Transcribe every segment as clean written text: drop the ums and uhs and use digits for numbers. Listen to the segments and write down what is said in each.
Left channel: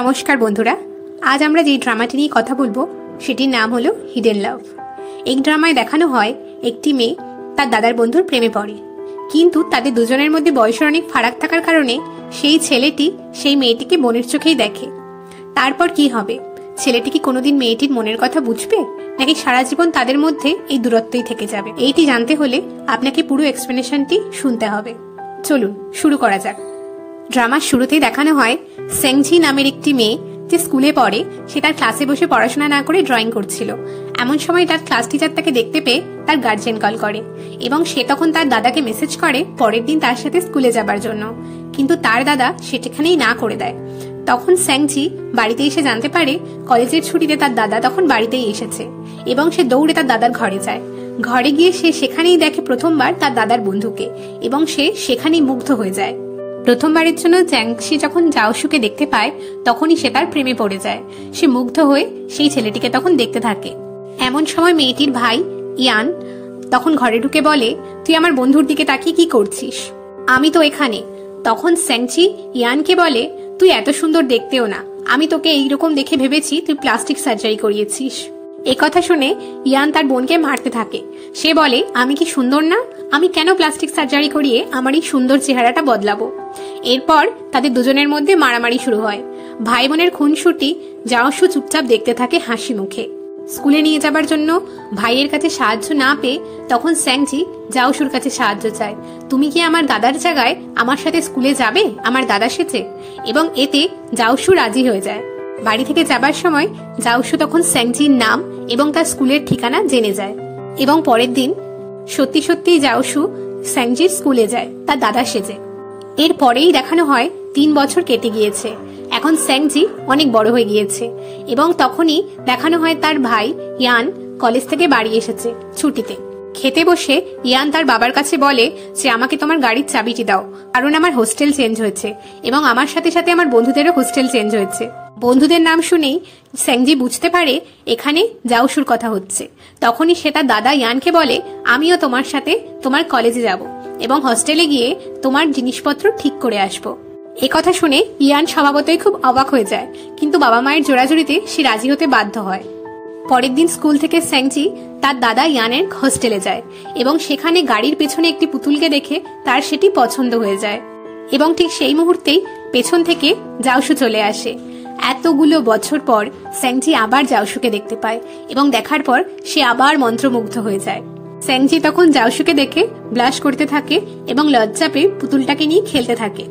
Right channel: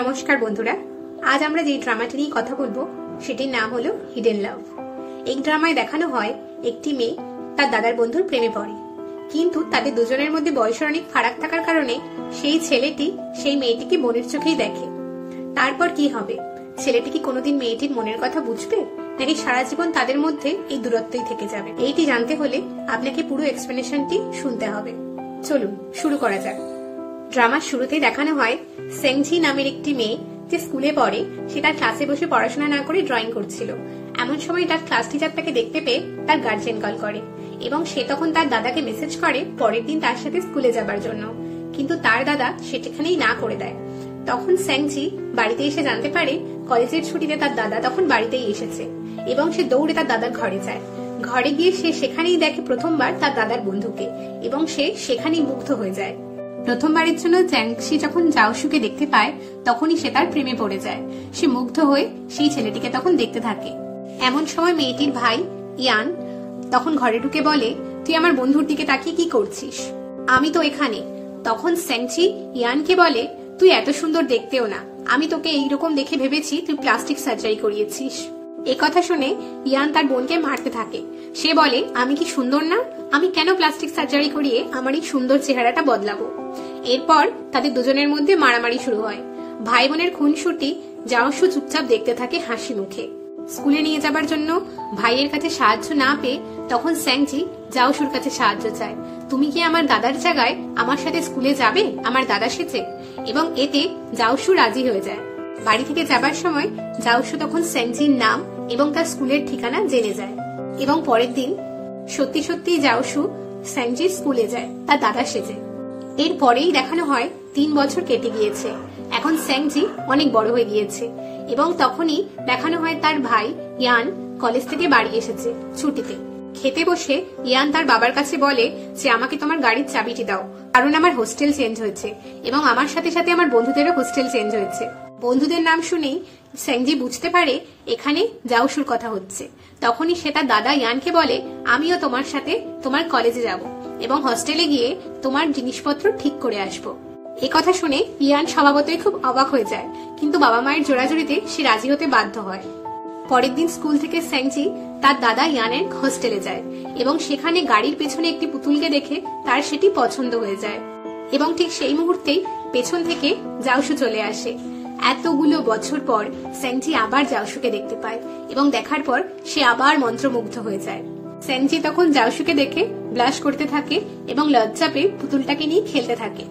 নমস্কার বন্ধুরা, আজ আমরা যে ড্রামাটি নিয়ে কথা বলবো সেটির নাম হলো হিডেন লাভ। এই ড্রামায় দেখানো হয় একটি মেয়ে তার দাদার বন্ধুর প্রেমে পড়ে, কিন্তু তাদের দুজনের মধ্যে বয়সের অনেক ফারাক থাকার কারণে সেই ছেলেটি সেই মেয়েটিকে বোনের চোখেই দেখে। তারপর কি হবে? ছেলেটি কি কোনোদিন মেয়েটির মনের কথা বুঝবে, নাকি সারা জীবন তাদের মধ্যে এই দূরত্বই থেকে যাবে? এইটি জানতে হলে আপনাকে পুরো এক্সপ্লেনেশনটি শুনতে হবে। চলুন শুরু করা যাক। ড্রামার শুরুতেই দেখানো হয় সেংজি নামের একটি মেয়ে যে স্কুলে পড়ে, সে তার ক্লাসে বসে পড়াশোনা না করে ড্রয়িং করছিল। এমন সময় তার ক্লাস টিচার তাকে দেখতে পেয়ে তার গার্জিয়ান কল করে এবং সে তখন তার দাদাকে মেসেজ করে পরের দিন তার সাথে স্কুলে যাবার জন্য, কিন্তু তার দাদা সেখানেই না করে দেয়। তখন সেংজি বাড়িতে এসে জানতে পারে কলেজের ছুটিতে তার দাদা তখন বাড়িতেই এসেছে এবং সে দৌড়ে তার দাদার ঘরে যায়। ঘরে গিয়ে সে সেখানেই দেখে প্রথমবার তার দাদার বন্ধুকে এবং সে সেখানেই মুগ্ধ হয়ে যায়। প্রথমবারের জন্য জ্যাংশি যখন জাওশুকে দেখতে পায় তখনই সে তার প্রেমে পড়ে যায়। সে মুগ্ধ হয়ে সেই ছেলেটিকে তখন দেখতে থাকে। এমন সময় মেয়েটির ভাই ইয়ান তখন ঘরে ঢুকে বলে, তুই আমার বন্ধুর দিকে তাকিয়ে কি করছিস? আমি তো এখানে। তখন সেংজি ইয়ানকে বলে, তুই এত সুন্দর দেখতেও না, আমি তোকে এইরকম দেখে ভেবেছি তুই প্লাস্টিক সার্জারি করিয়েছিস। এ কথা শুনে ইয়ান তার বোনকে মারতে থাকে। সে বলে, আমি কি সুন্দর না? আমি কেন প্লাস্টিক সার্জারি করিয়ে আমার এই সুন্দর চেহারাটা বদলাবো? এরপর তাদের দুজনের মধ্যে মারামারি শুরু হয়। ভাই বোনের খুনসুটি জাওশু চুপচাপ দেখতে থাকে হাসি মুখে। স্কুলে নিয়ে যাবার জন্য ভাইয়ের কাছে সাহায্য না পেয়ে তখন সেংজি জাওশুর কাছে সাহায্য চায়। তুমি কি আমার দাদার জায়গায় আমার সাথে স্কুলে যাবে আমার দাদা সেজে? এবং এতে জাওশু রাজি হয়ে যায়। বাড়ি থেকে যাবার সময় জাওশু তখন সেংজির নাম এবং তার স্কুলের ঠিকানা জেনে যায় এবং পরের দিন সত্যি সত্যি জাওশু সেংজির স্কুলে যায় তার দাদা সেজে। এর পরেই দেখানো হয় 3 বছর কেটে গিয়েছে। এখন সেংজি অনেক বড় হয়ে গিয়েছে এবং তখনই দেখানো হয় তার ভাই ইয়ান কলেজ থেকে বাড়ি এসেছে ছুটিতে। খেতে বসে ইয়ান তার বাবার কাছে বলে যে আমাকে তোমার গাড়ির চাবিটি দাও, কারণ আমার হোস্টেল চেঞ্জ হয়েছে এবং আমার সাথে সাথে আমার বন্ধুদেরও হোস্টেল চেঞ্জ হয়েছে। বন্ধুদের নাম শুনেই সেংজি বুঝতে পারে এখানে জাওশুর কথা হচ্ছে। তখনই সে তার দাদা ইয়ানকে বলে, আমিও তোমার সাথে তোমার কলেজে যাব এবং হোস্টেলে গিয়ে তোমার জিনিসপত্র ঠিক করে আসবো। এই কথা শুনে ইয়ান স্বভাবতই খুব অবাক হয়ে যায়, কিন্তু বাবা মায়ের জোরাজুরিতে সে রাজি হতে বাধ্য হয়। পরের দিন স্কুল থেকে সেংজি তার দাদা ইয়ানের হোস্টেলে যায় এবং সেখানে গাড়ির পেছনে একটি পুতুলকে দেখে তার সেটি পছন্দ হয়ে যায় এবং ঠিক সেই মুহূর্তেই পেছন থেকে জাওশু চলে আসে। এতগুলো বছর পর সেংজি আবার জাওশুকে দেখতে পায় এবং দেখার পর সে আবার মন্ত্রমুগ্ধ হয়ে যায়। সেংজি তখন জাওশুকে দেখে ব্লাশ করতে থাকে এবং লজ্জা পেয়ে পুতুলটাকে নিয়ে খেলতে থাকে।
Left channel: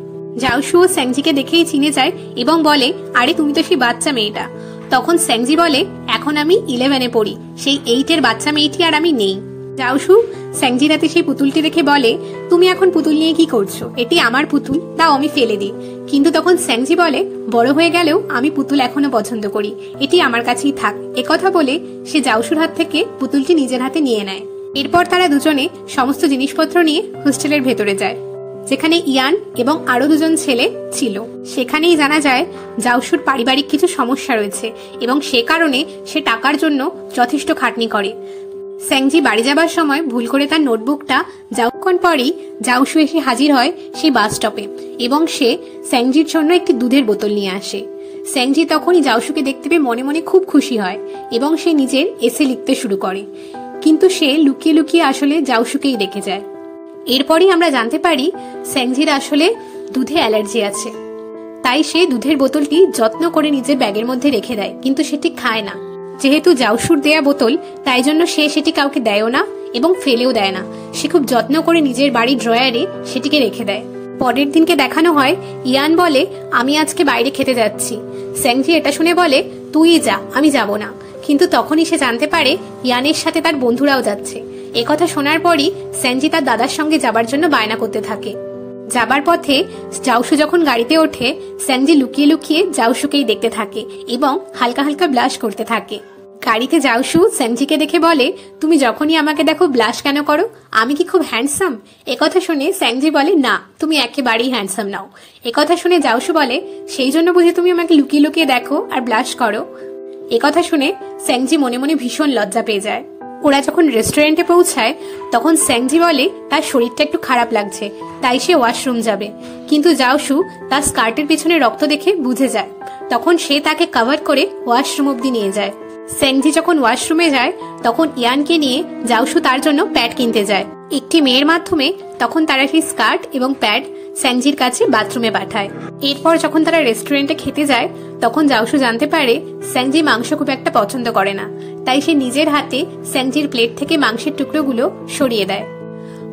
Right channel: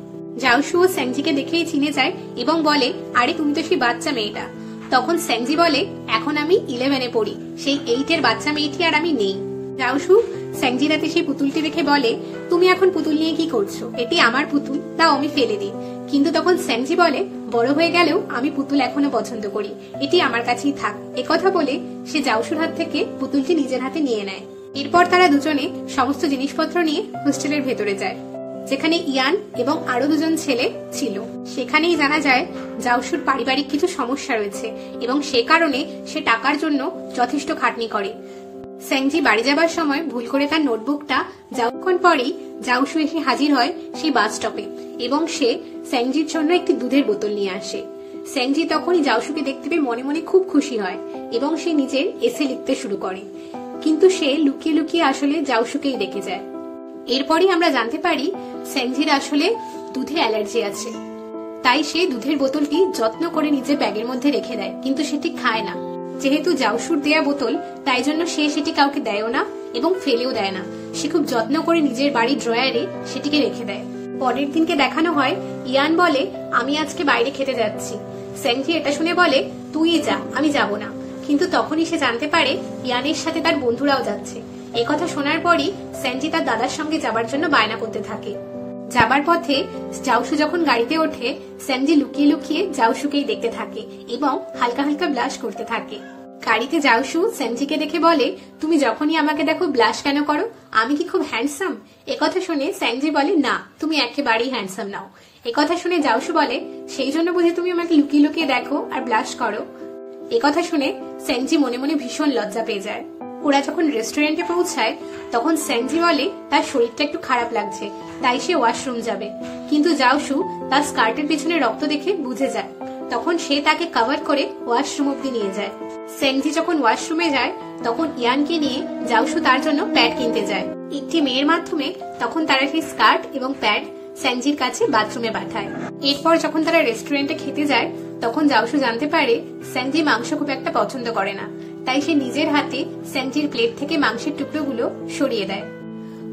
জাওশু সেংজিকে দেখেই চিনে যায় এবং বলে, আরে তুমি তো সেই বাচ্চা মেয়েটা। তখন সেংজি বলে, এখন আমি 11-এ পড়ি, সেই 8-এর বাচ্চা মেয়েটি আর আমি নেই। জাওশু সেংজির হাতে সেই পুতুলটি দেখে বলে, তুমি এখন পুতুল নিয়ে কি করছো? এটি আমার পুতুল, দাও আমি ফেলে দিই। কিন্তু তখন সেংজি বলে, বড় হয়ে গেলেও আমি পুতুল এখনো পছন্দ করি, এটি আমার কাছেই থাক। একথা বলে সে জাওশুর হাত থেকে পুতুলটি নিজের হাতে নিয়ে নেয়। এরপর তারা দুজনে সমস্ত জিনিসপত্র নিয়ে হোস্টেলের ভেতরে যায়, যেখানে ইয়ান এবং আরো 2জন ছেলে ছিল। সেখানেই জানা যায় জাওশুর পারিবারিক কিছু সমস্যা রয়েছে এবং সে কারণে সে টাকার জন্য যথেষ্ট খাটনি করে। সেংজি বাড়ি যাবার সময় ভুল করে তার নোটবুকটা যাওক্ষণ পরেই জাওশু এসে হাজির হয় সেই বাস স্টপে এবং সে সেংজির জন্য একটি দুধের বোতল নিয়ে আসে। সেংজি তখনই জাওশুকে দেখতে পেয়ে মনে মনে খুব খুশি হয় এবং সে নিজের এসে লিখতে শুরু করে, কিন্তু সে লুকিয়ে লুকিয়ে আসলে জাওশুকেই দেখে যায়। এরপরই আমরা জানতে পারি সেংজির আসলে দুধে অ্যালার্জি আছে, তাই সে দুধের বোতলটি যত্ন করে নিজের ব্যাগের মধ্যে রেখে দেয়, কিন্তু সেটি খায় না। যেহেতু জাওশুর দেয়া বোতল, তাই জন্য সে সেটি কাউকে দেয়ও না এবং ফেলেও দেয় না। সে খুব যত্ন করে নিজের বাড়ির ড্রয়ারে সেটিকে রেখে দেয়। পরের দিনকে দেখানো হয় ইয়ান বলে, আমি আজকে বাইরে খেতে যাচ্ছি। সেংজি এটা শুনে বলে, তুই যা, আমি যাব না। কিন্তু তখনই সে জানতে পারে ইয়ানের সাথে তার বন্ধুরাও যাচ্ছে। একথা শোনার পরই সেংজি তার দাদার সঙ্গে যাবার জন্য বায়না করতে থাকে। যাবার পথে জাওশু যখন গাড়িতে ওঠে, সেংজি লুকিয়ে লুকিয়ে জাওশুকেই দেখতে থাকে এবং হালকা হালকা ব্লাশ করতে থাকে। গাড়িতে জাওশু সেংজিকে দেখে বলে, তুমি যখনই আমাকে দেখো ব্লাশ কেন করো? আমি কি খুব হ্যান্ডসাম? একথা শুনে সেংজি বলে, না, তুমি একেবারেই হ্যান্ডসাম নাও। একথা শুনে জাওশু বলে, সেই জন্য বুঝি তুমি আমাকে লুকিয়ে লুকিয়ে দেখো আর ব্লাশ করো? একথা শুনে সেংজি মনে মনে ভীষণ লজ্জা পেয়ে যায়। ওরা যখন রেস্টুরেন্টে পৌঁছায় তখন স্যাংজি বলে তার শরীরটা একটু খারাপ লাগছে, তাই সে ওয়াশরুম যাবে। কিন্তু জাওশু তার স্কার্টের পিছনে রক্ত দেখে বুঝে যায়। তখন সে তাকে কভার করে ওয়াশরুম অব্দি নিয়ে যায়। স্যাংজি যখন ওয়াশরুমে যায় তখন ইয়ানকে নিয়ে জাওশু তার জন্য প্যাড কিনতে যায়। একটি মেয়ের মাধ্যমে তখন তারা সেই স্কার্ট এবং প্যাড স্যাংজির কাছে বাথরুমে পাঠায়। এরপর যখন তারা রেস্টুরেন্টে খেতে যায় তখন জাওশু জানতে পারে স্যাংজি মাংস খুব একটা পছন্দ করে না, তাই সে নিজের হাতে স্যাংজির প্লেট থেকে মাংসের টুকরোগুলো সরিয়ে দেয়।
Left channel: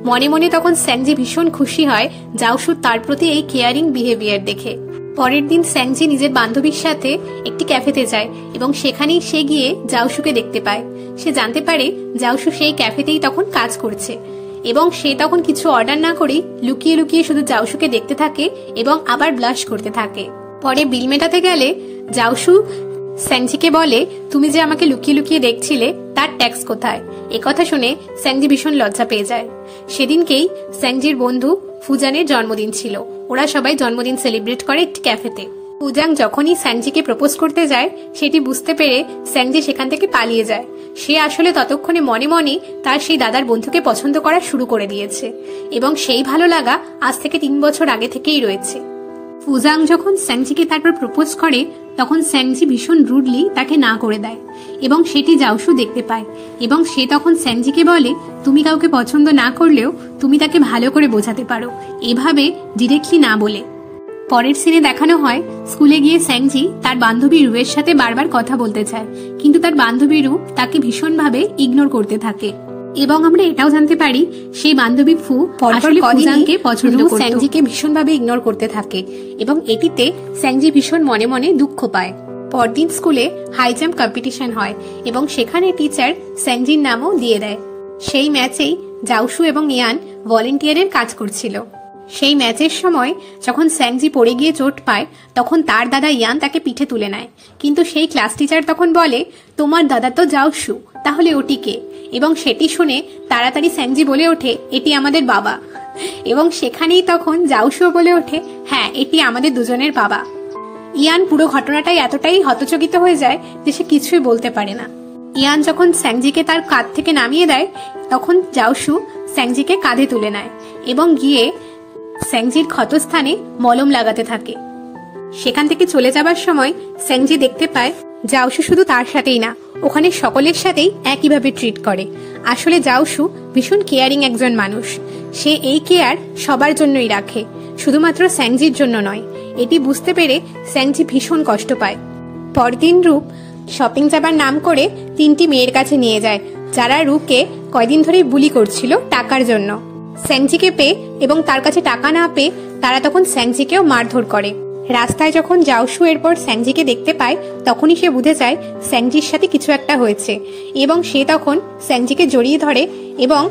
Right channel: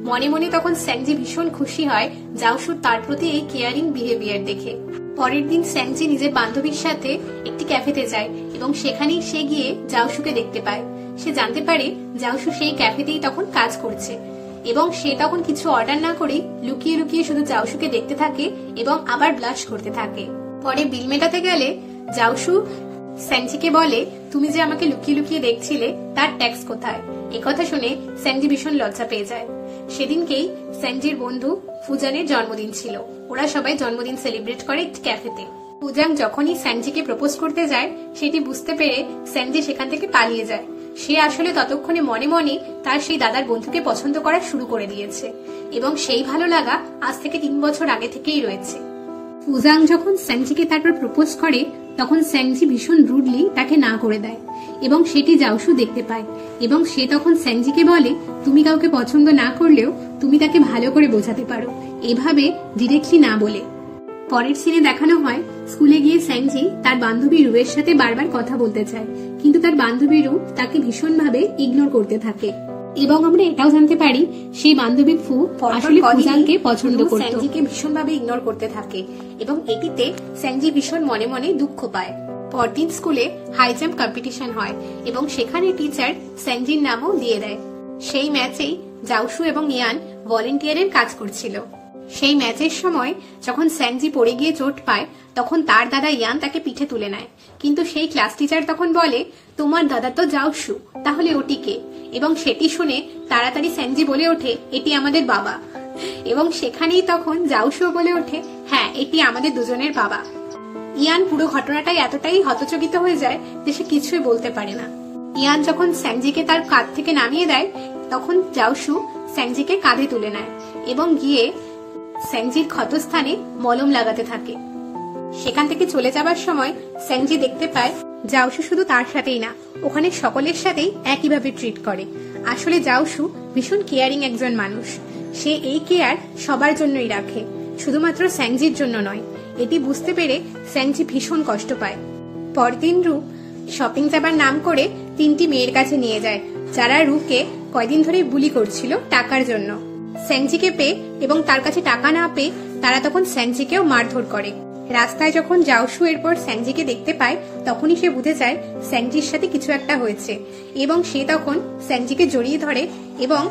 মনে মনে তখন স্যাংজি ভীষণ খুশি হয় জাওশু তার প্রতি এই কেয়ারিং বিহেভিয়ার দেখে। পরের দিন স্যাংজি নিজের বান্ধবীর সাথে একটি ক্যাফেতে যায় এবং সেখানেই সে গিয়ে জাওশুকে দেখতে পায়। সে জানতে পারে জাওশু সেই ক্যাফেতেই তখন কাজ করছে এবং সে তখন কিছু অর্ডার না করেই লুকিয়ে লুকিয়ে শুধু জাওশুকে দেখতে থাকে এবং আবার ব্লাশ করতে থাকে। পরে বিল মেটাতে গেলে জাওশু স্যাংজিকে বলে, তুমি যে আমাকে লুকিয়ে লুকিয়ে দেখছিলে তার ট্যাক্স কোথায়? একথা শুনে স্যাংজি ভীষণ লজ্জা পেয়ে যায়। সেদিনকেই স্যাংজির বন্ধু ফুজানের জন্মদিন ছিল। ওরা সবাই জন্মদিন সেলিব্রেট করে একটি ক্যাফেতে। ফুজাং যখনই স্যাংজিকে প্রপোজ করতে যায় সেটি বুঝতে পেরে স্যাংজি সেখান থেকে পালিয়ে যায়। সে আসলে ততক্ষণে মনে মনে তার সেই দাদার বন্ধুকে পছন্দ করা শুরু করে দিয়েছে এবং সেই ভালো লাগা আজ থেকে 3 বছর আগে থেকেই রয়েছে। ফুজাং যখন স্যাংজিকে তারপর প্রপোজ করে তখন স্যাংজি ভীষণ রুডলি তাকে না করে দেয় এবং সেটি জাওশু দেখতে পায় এবং সে তখন স্যাংজিকে বলে, তুমি কাউকে পছন্দ না করলেও তুমি তাকে ভালো করে বোঝাতে পারো, এভাবে ডিরেক্টলি না বলে। পরের সিনে দেখানো হয় স্কুলে গিয়ে স্যাংজি তার বান্ধবী রুয়ের সাথে বারবার কথা বলতে চায়, কিন্তু তার বান্ধবী রু তাকে ভীষণভাবে ইগনোর করতে থাকে এবং আমরা এটাও জানতে পারি সেই বান্ধবী ফু আসলে ফুজাংকে পছন্দ করত। স্যাংজিকে ভীষণভাবে ইগনোর করতে থাকে এবং এটিতে স্যাংজি ভীষণ মনে মনে দুঃখ পায়। পরদিন স্কুলে হাই জাম্প কম্পিটিশন হয় এবং সেখানে টিচার স্যাংজির নামও দিয়ে দেয়। সেই ম্যাচেই জাওশু এবং ইয়ান ভলেন্টিয়ারের কাজ করছিল। সেই ম্যাচের সময় যখন স্যাংজি পড়ে গিয়ে চোট পায় তখন তার দাদা ইয়ান তাকে পিঠে তুলে নেয়, কিন্তু সেই ক্লাস টিচার তখন বলে, তোমার দাদা তো জাওশু, তাহলে ওটিকে? এবং সেটি শুনে তাড়াতাড়ি স্যাংজি বলে ওঠে, এটি আমাদের বাবা। এবং সেখানেই তখন জাওশু বলে ওঠে, হ্যাঁ এটি আমাদের দুজনের বাবা। ইয়ান পুরো ঘটনাটাই এতটাই হতচকিত হয়ে যায় যে সে কিছুই বলতে পারে না। ইয়ান যখন স্যাংজিকে তার কাঁধ থেকে নামিয়ে দেয় তখন জাওশু স্যাংজিকে কাঁধে তুলে নেয় এবং গিয়ে স্যাংজির ক্ষতস্থানে মলম লাগাতে থাকে। সেখান থেকে চলে যাবার সময় স্যাংজি দেখতে পায় জাওশু শুধু তার সাথেই না, ওখানে সকলের সাথেই একইভাবে ট্রিট করে। আসলে জাওশু ভীষণ কেয়ারিং একজন মানুষ। সে এই কেয়ার সবার জন্যই রাখে, শুধুমাত্র স্যাংজির জন্য নয়। এটি বুঝতে পেরে স্যাংজি ভীষণ কষ্ট পায়। পরদিন রূপ শপিং যাবার নাম করে 3টি মেয়ের কাছে নিয়ে যায় যারা রূপকে কয়দিন ধরেই বুলি করছিল টাকার জন্য। স্যাংজিকে পেয়ে এবং তার কাছে টাকা না পেয়ে তারা তখন স্যাংজিকেও মারধর করে। রাস্তায় যখন জাওশু এরপর স্যাংজিকে দেখতে পায় তখনই সে বুঝে যায় স্যাংজির সাথে কিছু একটা হয়েছে এবং সে তখন স্যাংজিকে জড়িয়ে ধরে এবং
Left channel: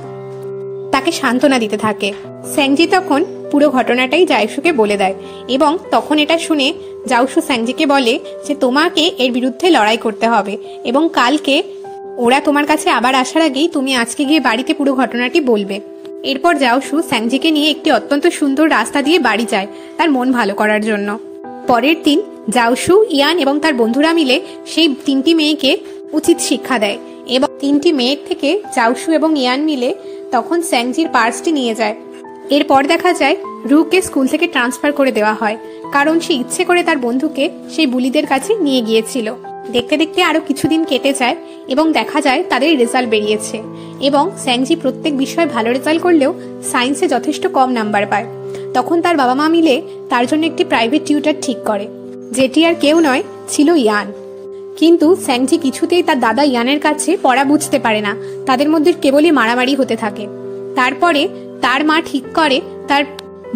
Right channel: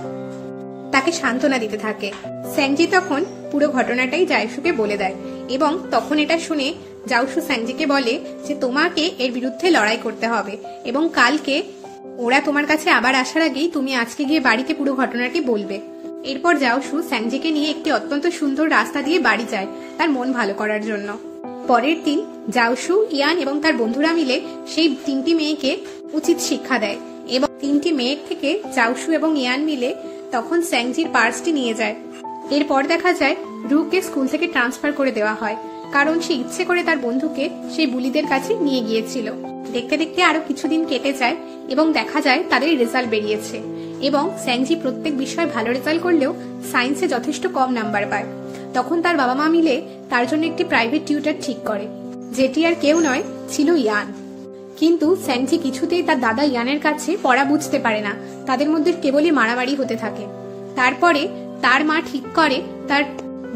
তাকে সান্ত্বনা দিতে থাকে। স্যাংজি তখন পুরো ঘটনাটাই জাওশুকে বলে দেয় এবং তখন এটা শুনে জাওশু স্যাংজিকে বলে যে তোমাকে এর বিরুদ্ধে লড়াই করতে হবে এবং কালকে ওরা তোমার কাছে আবার আসার আগেই তুমি আজকে গিয়ে বাড়িতে পুরো ঘটনাটি বলবে। এরপর জাওশু স্যাংজিকে নিয়ে একটি অত্যন্ত সুন্দর রাস্তা দিয়ে বাড়ি যায় তার মন ভালো করার জন্য। পরের দিন জাওশু, ইয়ান এবং তার বন্ধুরা মিলে সেই 3টি মেয়েকে উচিত শিক্ষা দেয় এবং 3টি মেয়ের থেকে জাওশু এবং ইয়ান মিলে তখন স্যাংজির পার্সটি নিয়ে যায়। এরপর দেখা যায় রুকে স্কুল থেকে ট্রান্সফার করে দেওয়া হয় কারণ সে ইচ্ছে করে তার বন্ধুকে সেই বুলিদের কাছে নিয়ে গিয়েছিল। দেখতে দেখতে আরো কিছুদিন কেটে যায় এবং দেখা যায় তাদের রেজাল্ট বেরিয়েছে এবং স্যাংজি প্রত্যেক বিষয়ে ভালো রেজাল্ট করলেও সায়েন্সে যথেষ্ট কম নাম্বার পায়। তখন তার বাবা মা মিলে তার জন্য একটি প্রাইভেট টিউটর ঠিক করে, যেটি আর কেউ নয়, ছিল ইয়ান। কিন্তু স্যাংজি কিছুতেই তার দাদা ইয়ানের কাছে পড়া বুঝতে পারে না, তাদের মধ্যে কেবলই মারামারি হতে থাকে। তারপরে তার মা ঠিক করে তার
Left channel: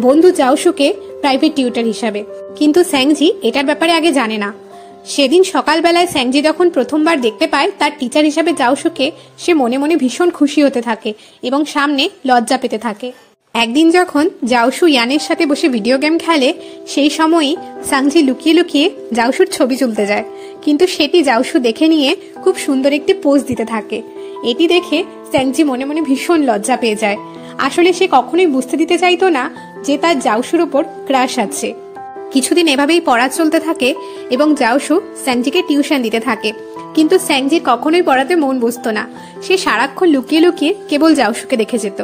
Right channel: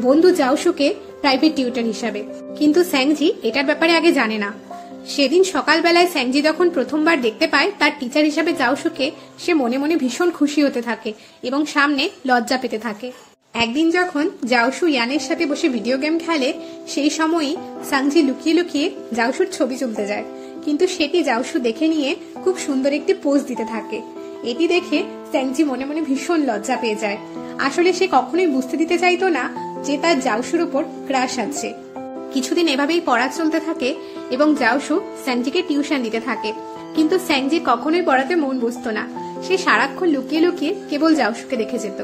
বন্ধু জাওশুকে প্রাইভেট টিউটর হিসাবে, কিন্তু স্যাংজি এটার ব্যাপারে আগে জানে না। সেদিন সকালবেলায় স্যাংজি যখন প্রথমবার দেখতে পায় তার টিচার হিসাবে জাওশুকে, সে মনে মনে ভীষণ খুশি হতে থাকে এবং সামনে লজ্জা পেতে থাকে। একদিন যখন জাওশু ইয়ানের সাথে বসে ভিডিও গেম খেলে সেই সময়ই স্যাংজি লুকিয়ে লুকিয়ে জাওশুর ছবি তুলতে যায়, কিন্তু সেটি জাওশু দেখে নিয়ে খুব সুন্দর একটি পোজ দিতে থাকে। এটি দেখে স্যাংজি মনে মনে ভীষণ লজ্জা পেয়ে যায়। আসলে সে কখনোই বুঝতে দিতে চাইতো না যে তার জাওশুর উপর ক্রাশ আছে। কিছুদিন এভাবেই পড়া চলতে থাকে এবং জাওশু স্যাংজিকে টিউশন দিতে থাকে, কিন্তু স্যাংজির কখনোই পড়াতে মন বসতো না। সে সারাক্ষণ লুকিয়ে লুকিয়ে কেবল জাউসুকে দেখে যেত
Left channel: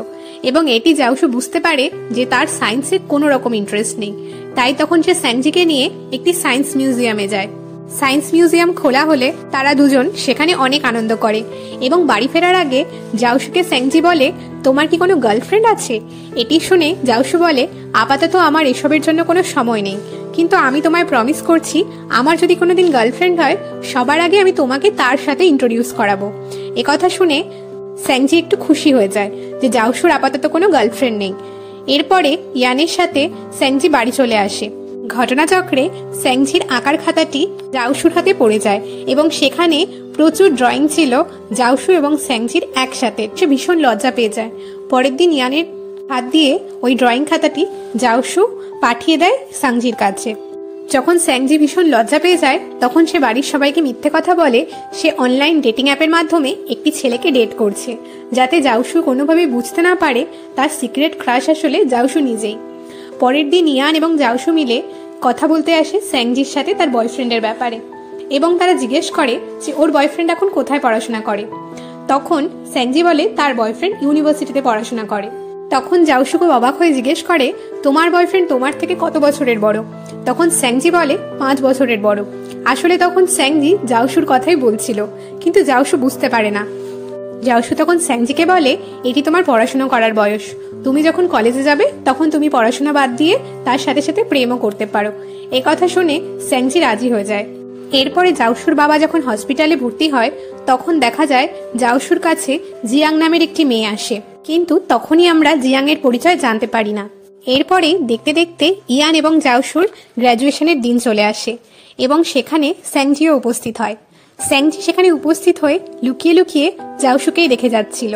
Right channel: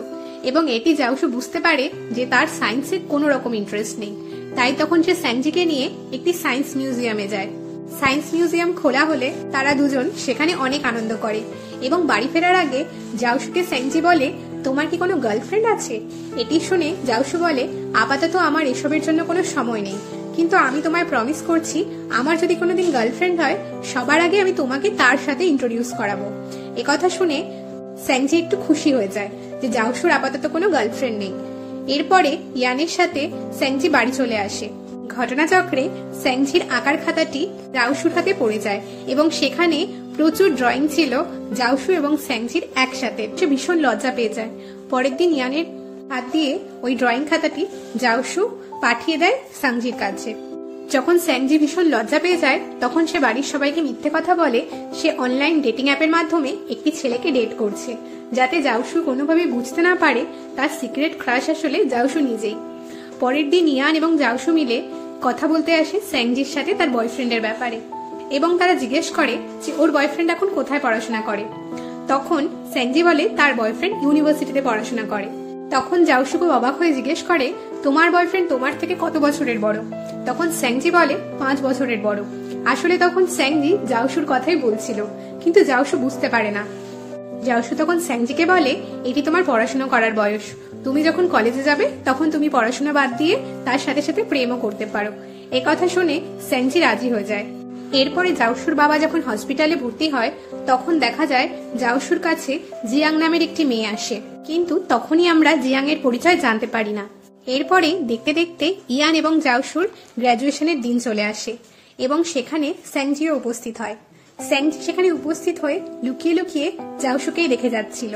এবং এটি জাউসু বুঝতে পারে যে তার সায়েন্সে কোনো রকম ইন্টারেস্ট নেই। তাই তখন সে স্যাংজিকে নিয়ে একটি সায়েন্স মিউজিয়ামে যায়। সায়েন্স মিউজিয়াম খোলা হলে তারা দুজন সেখানে অনেক আনন্দ করে এবং বাড়ি ফেরার আগে জাউসুকে স্যাংজি বলে, তোমার কি কোনো গার্লফ্রেন্ড আছে? এটি শুনে জাউসু বলে, আপাতত আমার এসবের জন্য কোনো সময় নেই, কিন্তু আমি তোমায় প্রমিস করছি আমার যদি কোনোদিন গার্লফ্রেন্ড হয় সবার আগে আমি তোমাকে তার সাথে ইন্ট্রোডিউস করাবো। একথা শুনে স্যাংজি একটু খুশি হয়ে যায় যে জাউসুর আপাতত কোনো গার্লফ্রেন্ড নেই। এরপরে ইয়ানের সাথে স্যাংজি বাড়ি চলে আসে। ঘটনাচক্রে স্যাংজির আঁকার খাতাটি জাউসুর হাতে পড়ে যায় এবং সেখানে প্রচুর ড্রয়িং ছিল জাউসু এবং স্যাংজির একসাথে। সে ভীষণ লজ্জা পেয়ে যায়। পরের দিন ইয়ানের হাত দিয়ে ওই ড্রয়িং খাতাটি জাউসু পাঠিয়ে দেয় স্যাংজির কাছে। যখন স্যাংজি ভীষণ লজ্জা পেয়ে যায় তখন সে বাড়ির সবাইকে মিথ্যে কথা বলে সে অনলাইন ডেটিং অ্যাপের মাধ্যমে একটি ছেলেকে ডেট করছে, যাতে জাউসু কোনোভাবে বুঝতে না পারে তার সিক্রেট ক্রাশ আসলে জাউসু নিজেই। পরের দিন ইয়ান এবং জাউসু মিলে কথা বলতে আসে স্যাংজির সাথে তার বয়ফ্রেন্ডের ব্যাপারে এবং তারা জিজ্ঞেস করে যে ওর বয়ফ্রেন্ড এখন কোথায় পড়াশোনা করে। তখন স্যাংজি বলে তার বয়ফ্রেন্ড ইউনিভার্সিটিতে পড়াশোনা করে। তখন জাউসু খুব অবাক হয়ে জিজ্ঞেস করে, তোমার বয়ফ্রেন্ড তোমার থেকে কত বছরের বড়? তখন স্যাংজি বলে 5 বছরের বড়। আসলে তখন স্যাংজি জাউসুর কথাই বলছিল, কিন্তু জাউসু বুঝতে পারে না। জাউসু তখন স্যাংজিকে বলে, এটি তোমার পড়াশোনা করার বয়স, তুমি যখন কলেজে যাবে তখন তুমি পড়াশোনা বাদ দিয়ে তার সাথে সাথে প্রেমও করতে পারো। এ কথা শুনে স্যাংজি রাজি হয়ে যায়। এরপরে জাউসুর বাবা যখন হসপিটালে ভর্তি হয় তখন দেখা যায় জাউসুর কাছে জিয়াং নামের একটি মেয়ে আসে, কিন্তু তখনই আমরা জিয়াং এর পরিচয় জানতে পারি না। এরপরে দেখতে দেখতে ইয়ান এবং জাউসুর গ্র্যাজুয়েশনের দিন চলে আসে এবং সেখানে স্যাংজিও উপস্থিত হয়। স্যাংজি সেখানে উপস্থিত হয়ে লুকিয়ে লুকিয়ে জাউসুকেই দেখে যাচ্ছিল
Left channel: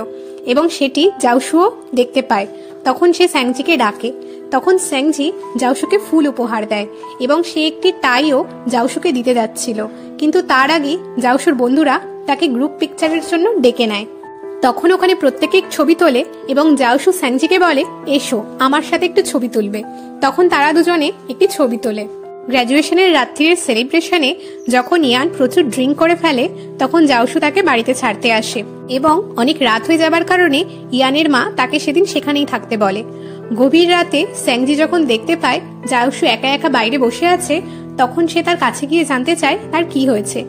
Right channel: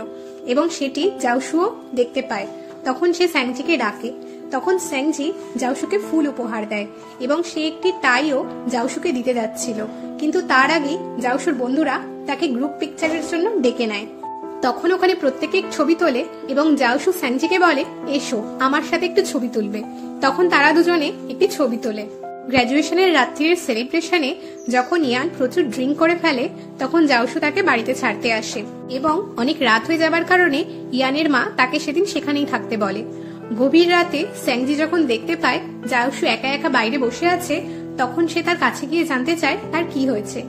এবং সেটি জাউসুও দেখতে পায়। তখন সে স্যাংজিকে ডাকে। তখন স্যাংজি জাউসুকে ফুল উপহার দেয় এবং সে একটি টাইও জাউসুকে দিতে যাচ্ছিল, কিন্তু তার আগে জাউসুর বন্ধুরা তাকে গ্রুপ পিকচারের জন্য ডেকে নেয়। তখন ওখানে প্রত্যেকে ছবি তোলে এবং জাউসু স্যাংজিকে বলে, এসো আমার সাথে একটু ছবি তুলবে। তখন তারা দুজনে একটি ছবি তোলে। গ্র্যাজুয়েশনের রাত্রির সেলিব্রেশনে যখন ইয়ান প্রচুর ড্রিঙ্ক করে ফেলে তখন জাউসু তাকে বাড়িতে ছাড়তে আসে এবং অনেক রাত হয়ে যাবার কারণে ইয়ানের মা তাকে সেদিন সেখানেই থাকতে বলে। গভীর রাতে স্যাংজি যখন দেখতে পায় জাউসু একা একা বাইরে বসে আছে তখন সে তার কাছে গিয়ে জানতে চায় তার কি হয়েছে।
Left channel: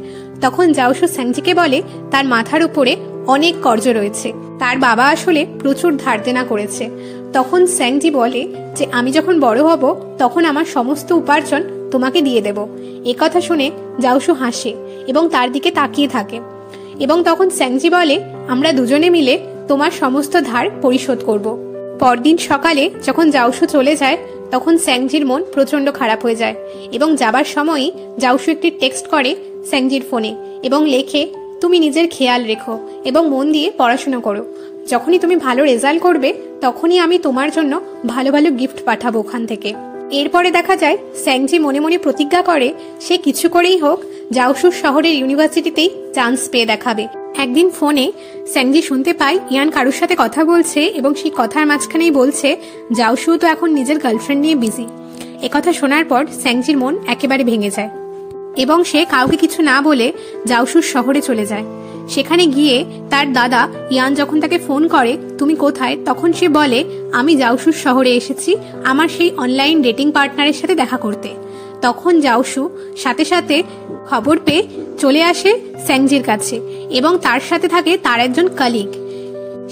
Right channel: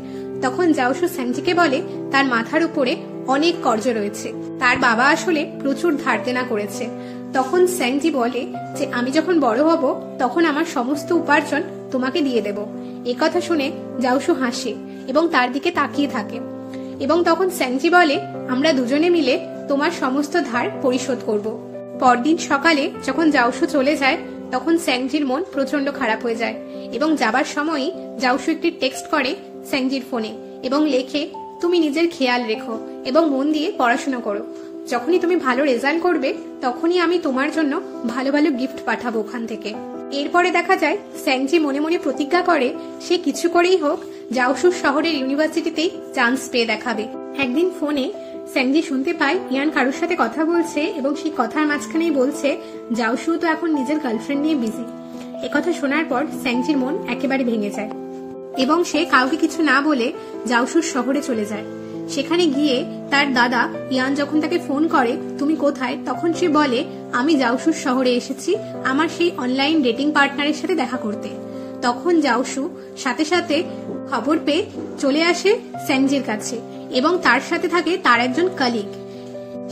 তখন জাউসু স্যাংজিকে বলে তার মাথার উপরে অনেক কর্জ রয়েছে, তার বাবা আসলে প্রচুর ধার দেনা করেছে। তখন স্যাংজি বলে যে আমি যখন বড় হব তখন আমার সমস্ত উপার্জন তোমাকে দিয়ে দেব। একথা শুনে জাউসু হাসে এবং তার দিকে তাকিয়ে থাকে এবং তখন স্যাংজি বলে, আমরা দুজনে মিলে তোমার সমস্ত ধার পরিশোধ করব। পরদিন সকালে যখন জাউসু চলে যায় তখন স্যাংজির মন প্রচন্ড খারাপ হয়ে যায় এবং যাবার সময়ই জাউসু একটি টেক্সট করে স্যাংজির ফোনে এবং লেখে, তুমি নিজের খেয়াল রেখো এবং মন দিয়ে পড়াশোনা করো। যখনই তুমি ভালো রেজাল্ট করবে তখনই আমি তোমার জন্য ভালো ভালো গিফট পাঠাবো ওখান থেকে। এরপরে দেখা যায় স্যাংজি মনে মনে প্রতিজ্ঞা করে সে কিছু করেই হোক জাউসুর শহরের ইউনিভার্সিটিতেই চান্স পেয়ে দেখাবে। একদিন ফোনে স্যাংজি শুনতে পায় ইয়ান কারোর সাথে কথা বলছে এবং সেই কথার মাঝখানেই বলছে জাউসু তো এখন নিজের গার্লফ্রেন্ড নিয়ে বিজি। একথা শোনার পর স্যাংজির মন একেবারে ভেঙে যায় এবং সে কাউকে কিছু না বলে জাউসুর শহরে চলে যায়। সেখানে গিয়ে তার দাদা ইয়ান যখন তাকে ফোন করে তুমি কোথায়, তখন সে বলে আমি জাউসুর শহরে এসেছি আমার সেই অনলাইন ডেটিং পার্টনারের সাথে দেখা করতে। তখন জাউসু সাথে সাথে খবর পেয়ে চলে আসে স্যাংজির কাছে এবং তার সাথে থাকে তার একজন কলিগ।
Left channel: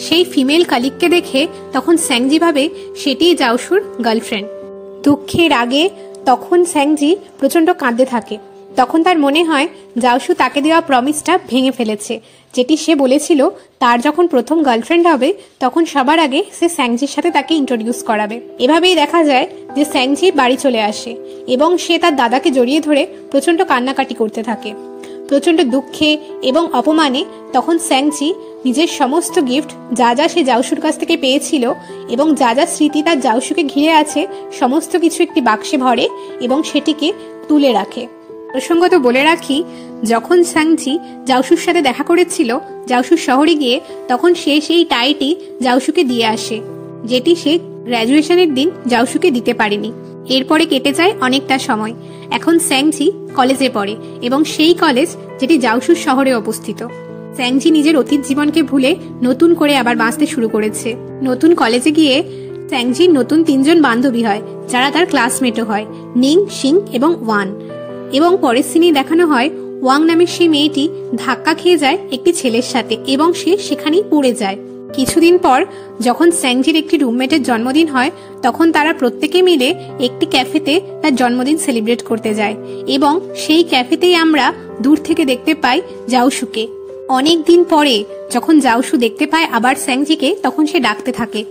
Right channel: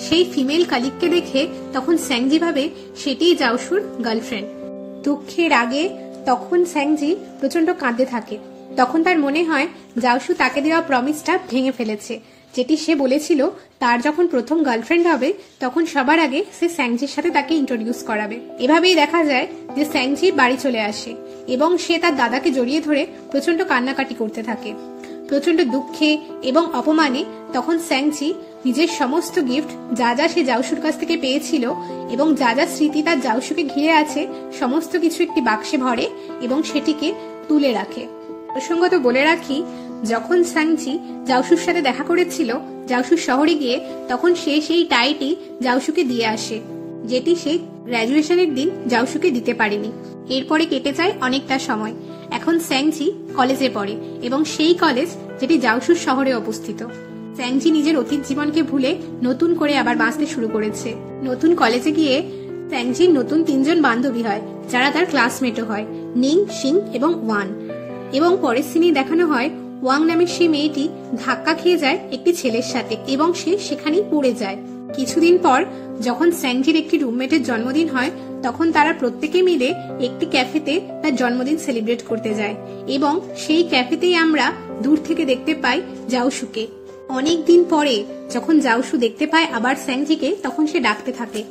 সেই ফিমেল কলিগকে দেখে তখন স্যাংজি ভাবে সেটিই জাউসুর গার্লফ্রেন্ড। দুঃখের আগে তখন স্যাংজি প্রচন্ড কাঁদতে থাকে। তখন তার মনে হয় জাউসু তাকে দেওয়া প্রমিসটা ভেঙে ফেলেছে, যেটি সে বলেছিল তার যখন প্রথম গার্লফ্রেন্ড হবে তখন সবার আগে সে স্যাংজির সাথে তাকে ইন্ট্রোডিউস করাবে। এভাবেই দেখা যায় যে স্যাংজি বাড়ি চলে আসে এবং সে তার দাদাকে জড়িয়ে ধরে প্রচন্ড কান্নাকাটি করতে থাকে। প্রচন্ড দুঃখে এবং অপমানে তখন স্যাংজি নিজের সমস্ত গিফট যা যা সে জাউসুর কাছ থেকে পেয়েছিল এবং যা যা স্মৃতি তার জাউসুকে ঘিরে আছে সমস্ত কিছু একটি বাক্সে ভরে এবং সেটিকে তুলে রাখে। প্রসঙ্গত বলে রাখি, যখন স্যাংজি জাউসুর সাথে দেখা করেছিল জাউসুর শহরে গিয়ে তখন সে সেই টাইটি জাউসুকে দিয়ে আসে, যেটি সে গ্র্যাজুয়েশনের দিন জাউসুকে দিতে পারেনি। এরপরে কেটে যায় অনেকটা সময়। এখন স্যাংজি কলেজে পড়ে এবং সেই কলেজ যেটি জাউসুর শহরে অবস্থিত। স্যাংজি নিজের অতীত জীবনকে ভুলে নতুন করে আবার বাঁচতে শুরু করেছে। নতুন কলেজে গিয়ে স্যাংজির নতুন 3 জন বান্ধবী হয়, যারা তার ক্লাসমেটও হয়, নিং, সিং এবং ওয়ান। এবং পরের সিনে দেখানো হয় ওয়াং নামের সেই মেয়েটি ধাক্কা খেয়ে যায় একটি ছেলের সাথে এবং সে সেখানেই পড়ে যায়। কিছুদিন পর যখন স্যাংজির একটি রুমমেটের জন্মদিন হয়, তখন তারা প্রত্যেকে মিলে একটি ক্যাফেতে তার জন্মদিন সেলিব্রেট করতে যায় এবং সেই ক্যাফেতেই আমরা দূর থেকে দেখতে পাই জাওশুকে। অনেক দিন পরে যখন জাওশু দেখতে পায় আবার স্যাংজিকে, তখন সে ডাকতে থাকে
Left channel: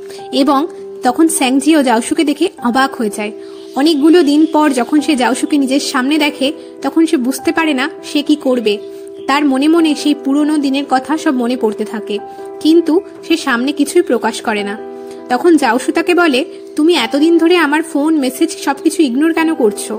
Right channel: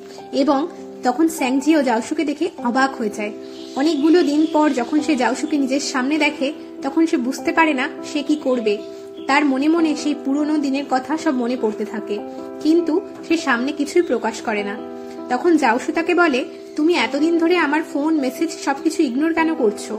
এবং তখন স্যাংজি ও জাওশুকে দেখে অবাক হয়ে যায়। অনেকগুলো দিন পর যখন সে জাওশুকে নিজের সামনে দেখে, তখন সে বুঝতে পারে না সে কি করবে। তার মনে মনে সেই পুরনো দিনের কথা সব মনে পড়তে থাকে, কিন্তু সে সামনে কিছুই প্রকাশ করে না। তখন জাওশু তাকে বলে, তুমি এতদিন ধরে আমার ফোন, মেসেজ সবকিছু ইগনোর কেন করছো?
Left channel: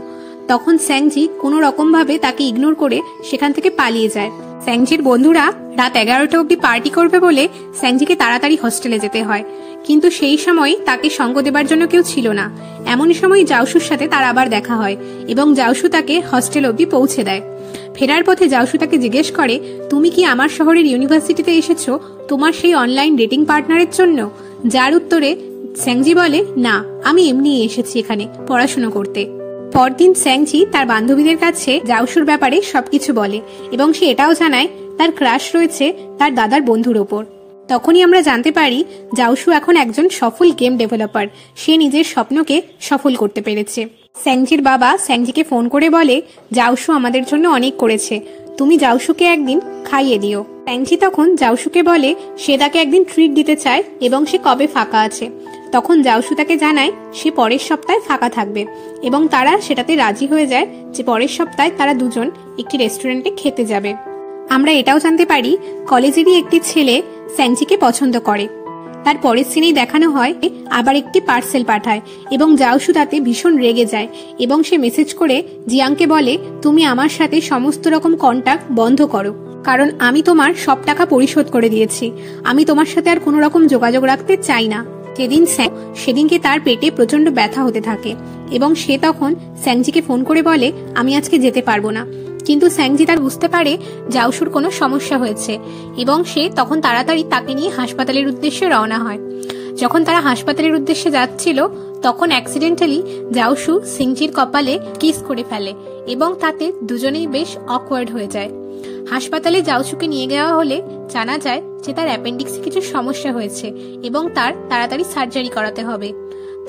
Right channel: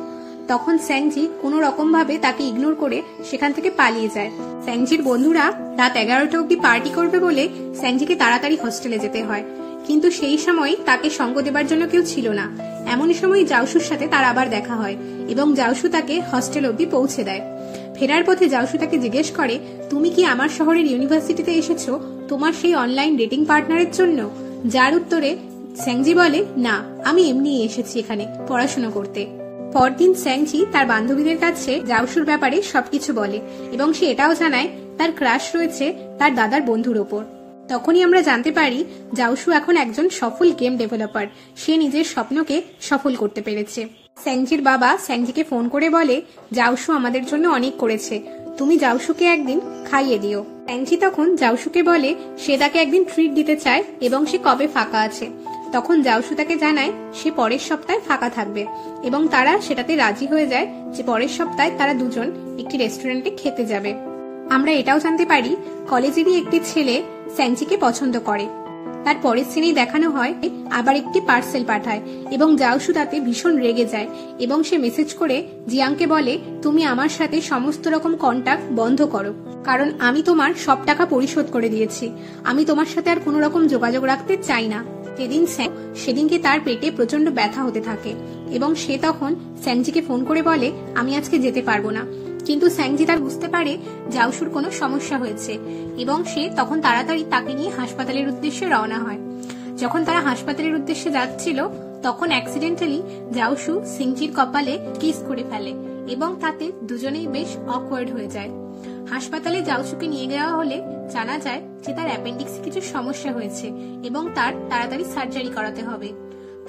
তখন স্যাংজি কোনো রকম ভাবে তাকে ইগনোর করে সেখান থেকে পালিয়ে যায়। স্যাংজির বন্ধুরা রাত 11টা অব্দি পার্টি করবে বলে স্যাংজিকে তাড়াতাড়ি হোস্টেলে যেতে হয়, কিন্তু সেই সময় তাকে সঙ্গ দেবার জন্য কেউ ছিল না। এমন সময় জাওশুর সাথে তার আবার দেখা হয় এবং জাওশু তাকে হস্টেল অব্দি পৌঁছে দেয়। ফেরার পথে জাওশু তাকে জিজ্ঞেস করে, তুমি কি আমার শহরের ইউনিভার্সিটিতে এসেছো তোমার সেই অনলাইন ডেটিং পার্টনারের জন্য? যার উত্তরে স্যাংজি বলে, না, আমি এমনি এসেছি এখানে পড়াশোনা করতে। পরদিন স্যাংজি তার বান্ধবীদের কাছে জাওশুর ব্যাপারে সবকিছু বলে এবং সে এটাও জানায় তার ক্রাশ রয়েছে তার দাদার বন্ধুর ওপর। তখনই আমরা জানতে পারি জাওশু এখন একজন সফল গেম ডেভেলপার। সে নিজের স্বপ্নকে সফল করতে পেরেছে। স্যাংজির বাবা স্যাংজিকে ফোন করে বলে, জাওশু আমাদের জন্য অনেক করেছে, তুমি জাওশুকে একদিন খাইয়ে দিও। স্যাংজি তখন জাওশুকে বলে সে তাকে একদিন ট্রিট দিতে চায় এবং সে কবে ফাঁকা আছে। তখন জাওশু তাকে জানায় সে পরের সপ্তাহে ফাঁকা থাকবে এবং তারা সেটাতে রাজি হয়ে যায় যে পরের সপ্তাহে তারা দুজন একটি রেস্টুরেন্টে খেতে যাবে। আমরা এটাও জানতে পারি কলেজেরই একটি ছেলে স্যাংজিকে পছন্দ করে। তার পরের সিনেই দেখানো হয় আবার একটি পার্সেল পাঠায় এবং জাওশু তাতে ভীষণ রেগে যায় এবং সে মেসেজ করে জিয়াংকে বলে, তুমি আমার সাথে সমস্ত রকম কন্টাক্ট বন্ধ করো, কারণ আমি তোমার সব টাকা পরিশোধ করে দিয়েছি। আমি তোমার সাথে আর কোনো রকম যোগাযোগ রাখতে চাই না। সেদিনকে তার পেটে প্রচন্ড ব্যথা হতে থাকে এবং সে তখন স্যাংজিকে ফোন করে বলে, আমি আজকে যেতে পারবো না। কিন্তু স্যাংজি তার বুঝতে পারে জাওশুর কোনো সমস্যা হয়েছে এবং সে তখন তাড়াতাড়ি তাকে নিয়ে হাসপাতালের উদ্দেশ্যে রওনা হয়। যখন তারা হাসপাতালের উদ্দেশ্যে যাচ্ছিল, তখন অ্যাক্সিডেন্টালি জাওশু সিংজির কপালে কিস করে ফেলে এবং তাতে দুজনেই বেশ অকওয়ার্ড হয়ে যায়। হাসপাতালে জাওশুকে নিয়ে যাওয়া হলে জানা যায় যে তার অ্যাপেন্ডিক্সে কিছু সমস্যা হয়েছে এবং তার তাড়াতাড়ি সার্জারি করাতে হবে।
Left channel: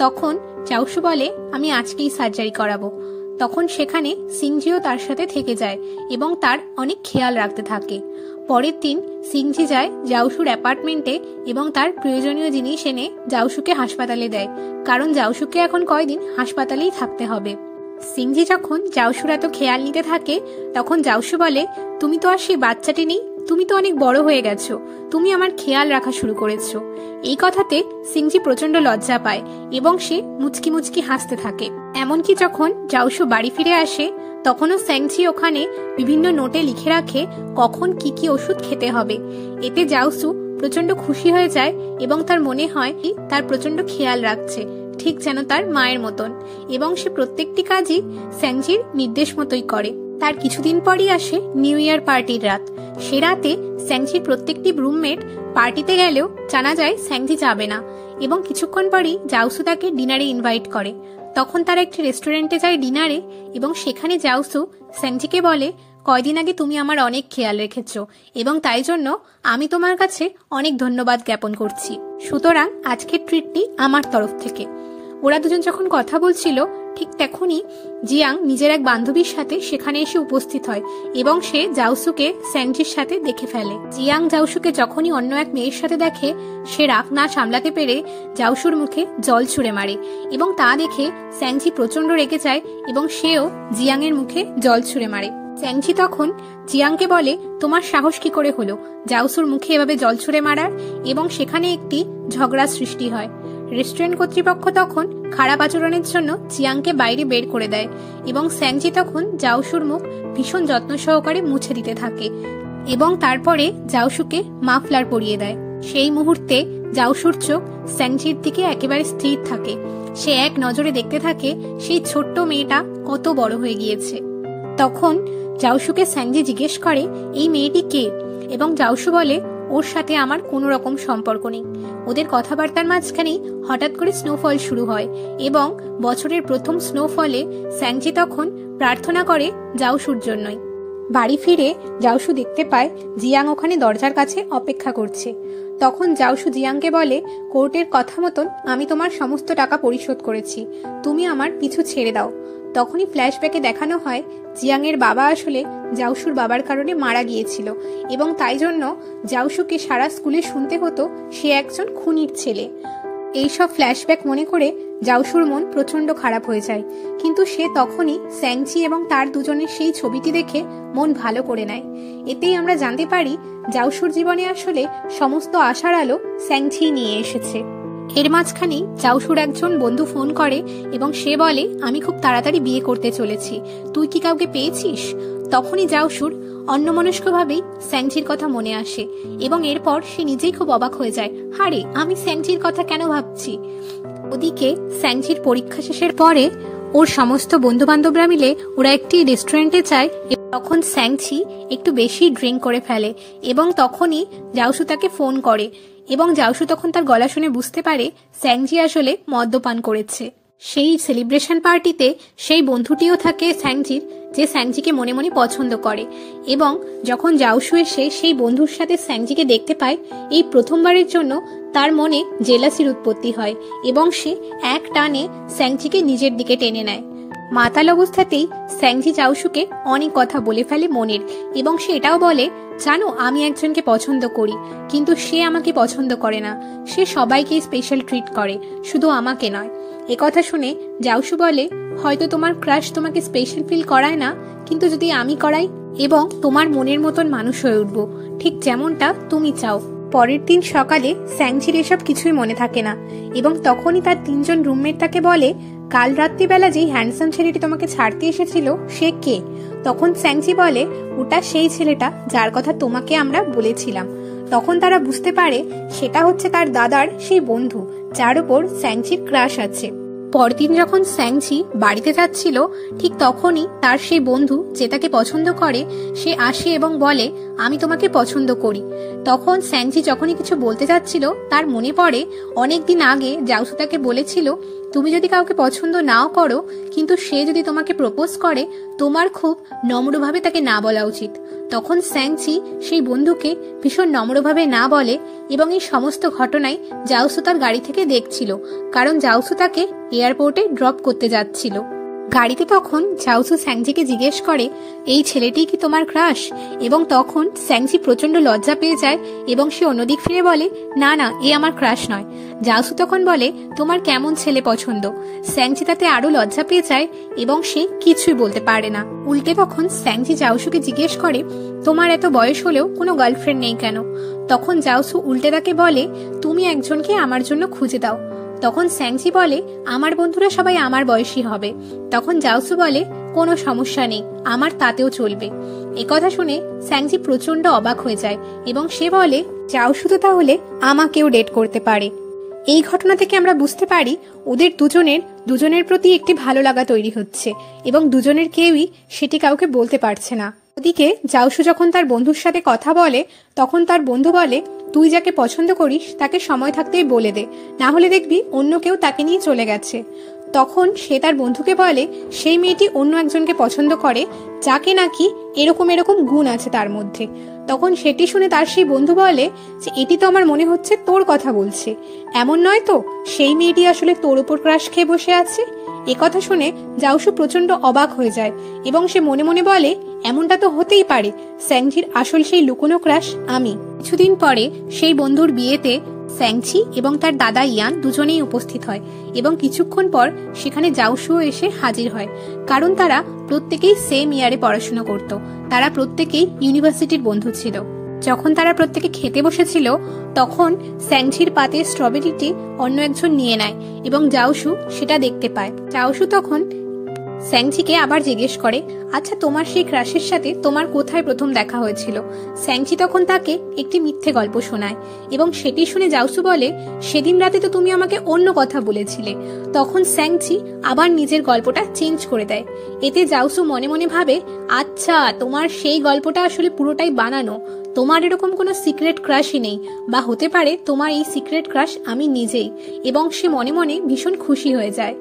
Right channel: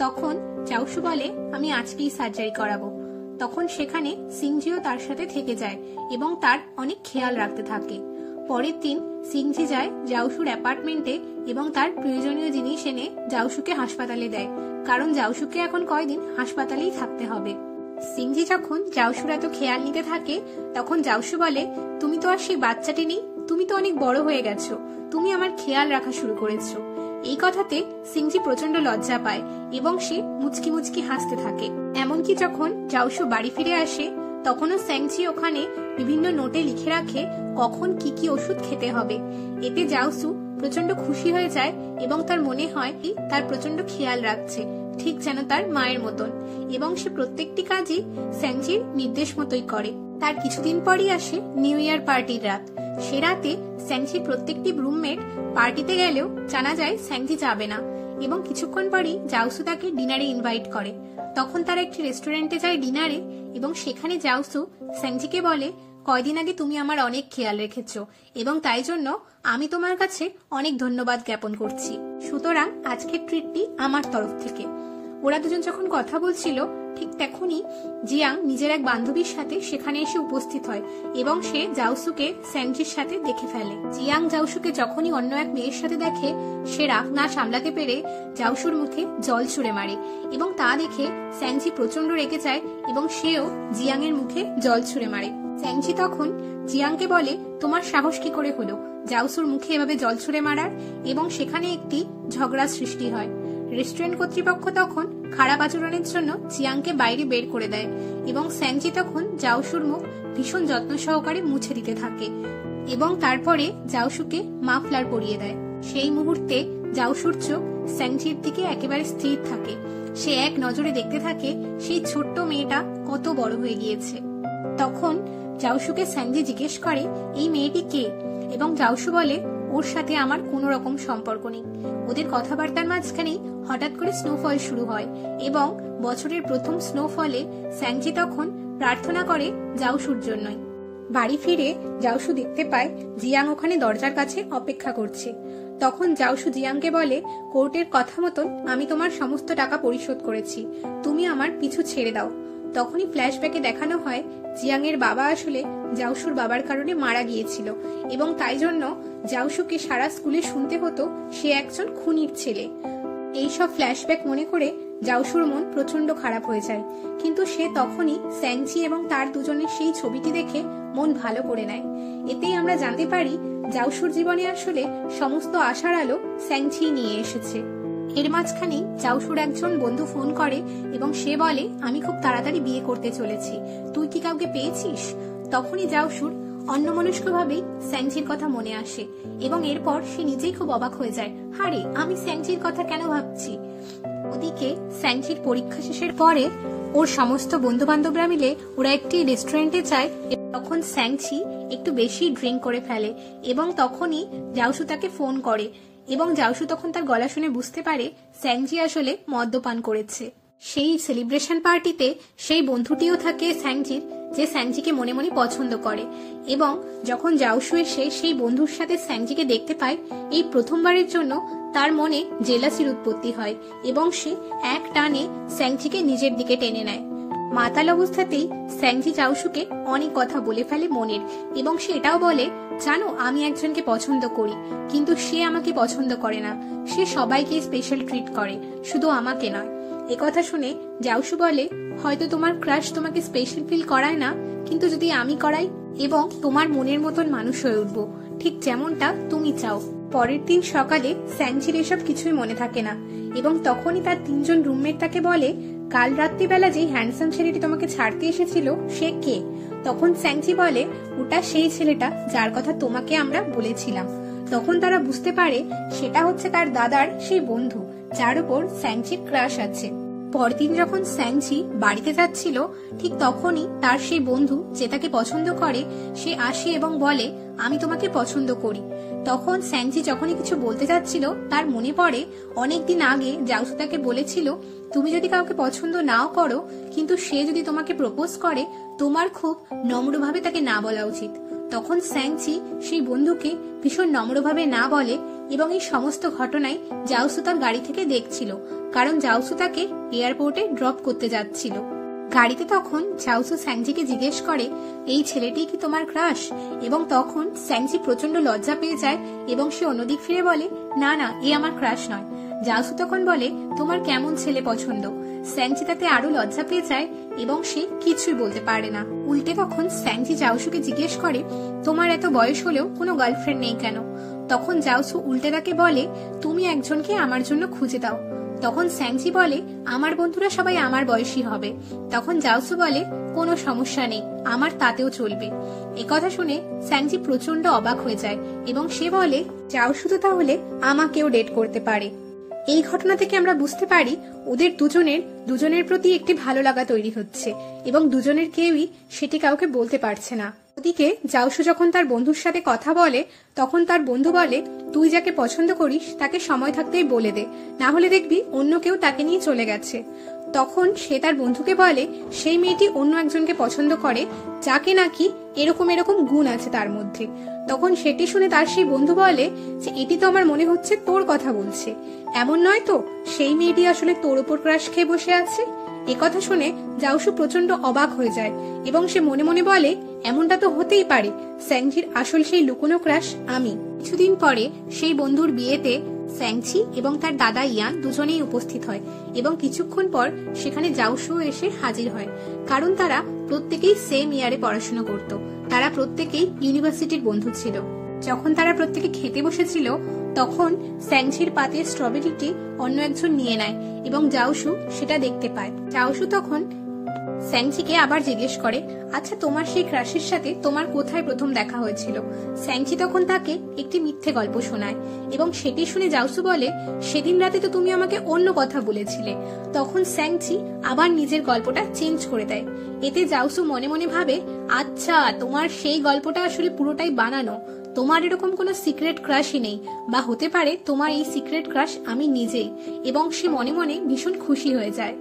তখন জাওশু বলে, আমি আজকেই সার্জারি করাবো। তখন সেখানে সিংজিও তার সাথে থেকে যায় এবং তার অনেক খেয়াল রাখতে থাকে। পরের দিন সিংজি যায় জাওশুর অ্যাপার্টমেন্টে এবং তার প্রয়োজনীয় জিনিস এনে জাওশুকে হাসপাতালে দেয়, কারণ জাওশুকে এখন কয়দিন হাসপাতালেই থাকতে হবে। সিংজি যখন জাওশুর এত খেয়াল নিতে থাকে, তখন জাওশু বলে, তুমি তো আর সেই বাচ্চাটি নেই, তুমি তো অনেক বড় হয়ে গেছো, তুমি আমার খেয়াল রাখা শুরু করেছো। এই কথাতে সিংজি প্রচন্ড লজ্জা পায় এবং সে মুচকি মুচকি হাসতে থাকে। এমনকি যখন জাওশু বাড়ি ফিরে আসে, তখনও স্যাংজি ওখানে বিভিন্ন নোটে লিখে রাখে কখন কি কি ওষুধ খেতে হবে। এতে জাওশু প্রচন্ড খুশি হয়ে যায় এবং তার মনে হয় তার প্রচন্ড খেয়াল রাখছে, ঠিক যেন তার মায়ের মতন, এবং সে প্রত্যেকটি কাজই স্যাংজির নির্দেশ মতোই করে। তার কিছুদিন পরই আসে নিউ ইয়ার পার্টির রাত। সে রাতে স্যাংজির প্রত্যেকটি রুমমেট পার্টিতে গেলেও জানা যায় স্যাংজি যাবে না এবং কিছুক্ষণ পরই জাওশু তাকে ডিনারে ইনভাইট করে। তখন তারা একটি রেস্টুরেন্টে যায় ডিনারে এবং সেখানে জাওশু স্যাংজিকে বলে, কয়দিন আগে তুমি আমার অনেক খেয়াল রেখেছো এবং তাই জন্য আমি তোমার কাছে অনেক ধন্যবাদ জ্ঞাপন করছি। সুতরাং আজকের ট্রিটটি আমার তরফ থেকে। ওরা দুজন যখন কথা বলছিল, ঠিক তখনই জিয়াং নিজের এক বান্ধবীর সাথে সেখানে এসে উপস্থিত হয় এবং সে জাওশুকে স্যাংজির সাথে দেখে ফেলে। জিয়াং জাওশুকে যখনই অন্য এক মেয়ের সাথে দেখে, সে রাগ না সামলাতে পেরে জাওশুর মুখে জল ছুঁড়ে মারে এবং তা দেখে স্যাংজি প্রচন্ড রেগে যায় এবং সেও জিয়াং এর মুখে জল ছুঁড়ে মারে। স্যাংজি তখন জিয়াংকে বলে, তোমার সাহস কি করে হলো জাওশুর মুখে এভাবে জল ছুঁড়ে মারার? এবং সেখানে একটি ঝগড়া সৃষ্টি হয়। রেস্টুরেন্ট কর্তৃপক্ষ তখন খারাপ আচরণের জন্য জিয়াংকে বাইরে বের করে দেয় এবং স্যাংজি তখন জাওশুর মুখ ভীষণ যত্ন সহকারে মুছে দিতে থাকে এবং তারপরে জাওশুকে মাফলার পরিয়ে দেয়। সেই মুহূর্তে জাওশুর চোখ স্যাংজির দিকে একেবারে স্থির থাকে। সে এক নজরে দেখতে থাকে সেই ছোট্ট মেয়েটা কত বড় হয়ে গিয়েছে। তখন জাওশুকে স্যাংজি জিজ্ঞেস করে, এই মেয়েটি কে এবং জাউসু বলে ওর সাথে আমার কোনো রকম সম্পর্ক নেই। ওদের কথাবার্তার মাঝখানেই হঠাৎ করে স্নোফল শুরু হয় এবং বছরের প্রথম স্নোফলে স্যাংজি তখন প্রার্থনা করে জাউসুর জন্যই। বাড়ি ফিরে জাউসু দেখতে পায় জিয়াং ওখানে দরজার কাছে অপেক্ষা করছে। তখন জাউসু জিয়াংকে বলে, কোর্টের কথা মতন আমি তোমার সমস্ত টাকা পরিশোধ করেছি, তুমি আমার পিছু ছেড়ে দাও। তখনই ফ্ল্যাশব্যাকে দেখানো হয় জিয়াং এর বাবা আসলে জাউসুর বাবার কারণে মারা গিয়েছিল এবং তাই জন্য জাউসুকে সারা স্কুলে শুনতে হতো সে একজন খুনির ছেলে। এইসব ফ্ল্যাশব্যাক মনে করে জাউসুর মন প্রচন্ড খারাপ হয়ে যায়, কিন্তু সে তখনই স্যাংচি এবং তার দুজনের সেই ছবিটি দেখে মন ভালো করে নেয়। এতেই আমরা জানতে পারি জাউসুর জীবনে আসলে সমস্ত আশার আলো স্যাংচি নিয়ে এসেছে। এর মাঝখানে জাউসুর একজন বন্ধু ফোন করে এবং সে বলে, আমি খুব তাড়াতাড়ি বিয়ে করতে চলেছি, তুই কি কাউকে পেয়েছিস? তখনই জাউসুর অন্যমনস্কভাবেই স্যাংচির কথা মনে আসে এবং এরপর সে নিজেই খুব অবাক হয়ে যায়, হারে আমি স্যাংচির কথা কেন ভাবছি। ওদিকে স্যাংচির পরীক্ষা শেষের পরে ওর সমস্ত বন্ধু বান্ধবরা মিলে ওরা একটি রেস্টুরেন্টে যায়। তখন স্যাংচি একটু বেশি ড্রিঙ্ক করে ফেলে এবং তখনই জাউসু তাকে ফোন করে এবং জাউসু তখন তার গলা শুনে বুঝতে পারে স্যাংচি আসলে মদ্যপান করেছে। সেই সেলিব্রেশন পার্টিতে সেই বন্ধুটিও থাকে স্যাংচির, যে স্যাংচিকে মনে মনে পছন্দ করে এবং যখন জাউসু এসে সেই বন্ধুর সাথে স্যাংচিকে দেখতে পায়, এই প্রথমবারের জন্য তার মনে জেলাসির উৎপত্তি হয় এবং সে এক টানে স্যাংচিকে নিজের দিকে টেনে নেয়। মাতাল অবস্থাতেই স্যাংচি জাউসুকে অনেক কথা বলে ফেলে মনের এবং সে এটাও বলে, জানো আমি একজনকে পছন্দ করি, কিন্তু সে আমাকে পছন্দ করে না, সে সবাইকে স্পেশাল ট্রিট করে, শুধু আমাকে নয়। একথা শুনে জাউসু বলে, হয়তো তোমার ক্রাশ তোমাকে স্পেশাল ফিল করায় না, কিন্তু যদি আমি করাই এবং তোমার মনের মতন মানুষ হয়ে উঠবো, ঠিক যেমনটা তুমি চাও। পরের দিন সকালে স্যাংচির এসব কিছুই মনে থাকে না এবং তখনই তার তিনজন রুমমেট তাকে বলে, কাল রাত্রিবেলা যেই হ্যান্ডসাম ছেলেটি তোমাকে ছাড়তে এসেছিল সে কে? তখন স্যাংচি বলে, ওটা সেই ছেলেটা যার কথা তোমাকে আমরা বলেছিলাম। তখন তারা বুঝতে পারে সেটা হচ্ছে তার দাদার সেই বন্ধু যার উপর স্যাংচির ক্রাশ আছে। পরদিন যখন স্যাংচি বাড়িতে যাচ্ছিল, ঠিক তখনই তার সেই বন্ধু যে তাকে পছন্দ করে সে আসে এবং বলে, আমি তোমাকে পছন্দ করি। তখন স্যাংচি যখনই কিছু বলতে যাচ্ছিল তার মনে পড়ে অনেকদিন আগে জাউসু তাকে বলেছিল, তুমি যদি কাউকে পছন্দ নাও করো কিন্তু সে যদি তোমাকে প্রপোজ করে তোমার খুব নম্রভাবে তাকে না বলা উচিত। তখন স্যাংচি সেই বন্ধুকে ভীষণ নম্রভাবে না বলে এবং এই সমস্ত ঘটনায় জাউসু তার গাড়ি থেকে দেখছিল, কারণ জাউসু তাকে এয়ারপোর্টে ড্রপ করতে যাচ্ছিল। গাড়িতে তখন জাউসু স্যাংচিকে জিজ্ঞেস করে, এই ছেলেটি কি তোমার ক্রাশ? এবং তখন স্যাংচি প্রচন্ড লজ্জা পেয়ে যায় এবং সে অন্যদিক ফিরে বলে, না না, এ আমার ক্রাশ নয়। জাউসু তখন বলে, তোমার কেমন ছেলে পছন্দ? স্যাংচি তাতে আরো লজ্জা পেয়ে যায় এবং সে কিছুই বলতে পারে না। উল্টে তখন স্যাংচি জাউসুকে জিজ্ঞেস করে, তোমার এত বয়স হলেও কোনো গার্লফ্রেন্ড নেই কেন? তখন জাউসু উল্টে তাকে বলে, তুমি একজনকে আমার জন্য খুঁজে দাও। তখন স্যাংচি বলে, আমার বন্ধুরা সবাই আমার বয়সী হবে। তখন জাউসু বলে, কোনো সমস্যা নেই, আমার তাতেও চলবে। একথা শুনে স্যাংচি প্রচন্ড অবাক হয়ে যায় এবং সে বলে, জাউসু তো তাহলে আমাকেও ডেট করতে পারে। এই ঘটনা থেকে আমরা বুঝতে পারি ওদের দুজনের প্রতি একটি ভালো লাগা তৈরি হচ্ছে এবং দুজনের কেউই সেটি কাউকে বলতে পারছে না। ওদিকে জাউসু যখন তার বন্ধুর সাথে কথা বলে তখন তার বন্ধু বলে, তুই যাকে পছন্দ করিস তাকে সময় থাকতেই বলে দে, না হলে দেখবি অন্য কেউ তাকে নিয়ে চলে গেছে। তখন সে তার বন্ধুকে বলে, সেই মেয়েটি অন্য একজনকে পছন্দ করে যাকে নাকি এরকম এরকম গুণ আছে তার মধ্যে। তখন সেটি শুনে তার সেই বন্ধু বলে যে, এটি তো আমার মনে হচ্ছে তোর কথা বলছে, এমন নয় তো সেই মেয়েটি আসলে তোর উপর ক্রাশ খেয়ে বসে আছে? একথা শুনে জাউসু প্রচন্ড অবাক হয়ে যায় এবং সে মনে মনে বলে, এমনটা তো হতেই পারে, স্যাংচির আসল সেই লুকোনো ক্রাশ আমি। কিছুদিন পরে সেই বন্ধুর বিয়েতে স্যাংচি এবং তার দাদা ইয়ান দুজনেই উপস্থিত হয় এবং কিছুক্ষণ পর সেখানে জাউসুও এসে হাজির হয়, কারণ তারা প্রত্যেকেই সেম ইয়ারে পড়াশোনা করত। তারা প্রত্যেকেই ইউনিভার্সিটির বন্ধু ছিল। যখন তারা প্রত্যেকে খেতে বসেছিল তখন স্যাংচির পাতে স্ট্রবেরিটি অন্য একজন নিয়ে নেয় এবং জাউসু সেটা দেখতে পায়। জাউসু তখন স্যাংচিকে আবার জিজ্ঞেস করে, আচ্ছা, তোমার সেই ক্রাশের সাথে তোমার কোথায় প্রথম দেখা হয়েছিল? স্যাংচি তখন তাকে একটি মিথ্যে গল্প শোনায় এবং সেটি শুনে জাউসু বলে, সেদিন রাতে তো তুমি আমাকে অন্য কথা বলেছিলে। তখন স্যাংচি আবার নিজের গল্পটা চেঞ্জ করে দেয়। এতে জাউসু মনে মনে ভাবে, আচ্ছা, তোমার সেই গল্পটা আসলে পুরোটাই বানানো, তোমার এরকম কোনো সিক্রেট ক্রাশই নেই, বা হতে পারে তোমার এই সিক্রেট ক্রাশ আমি নিজেই। এবং সে মনে মনে ভীষণ খুশি হয়ে যায়।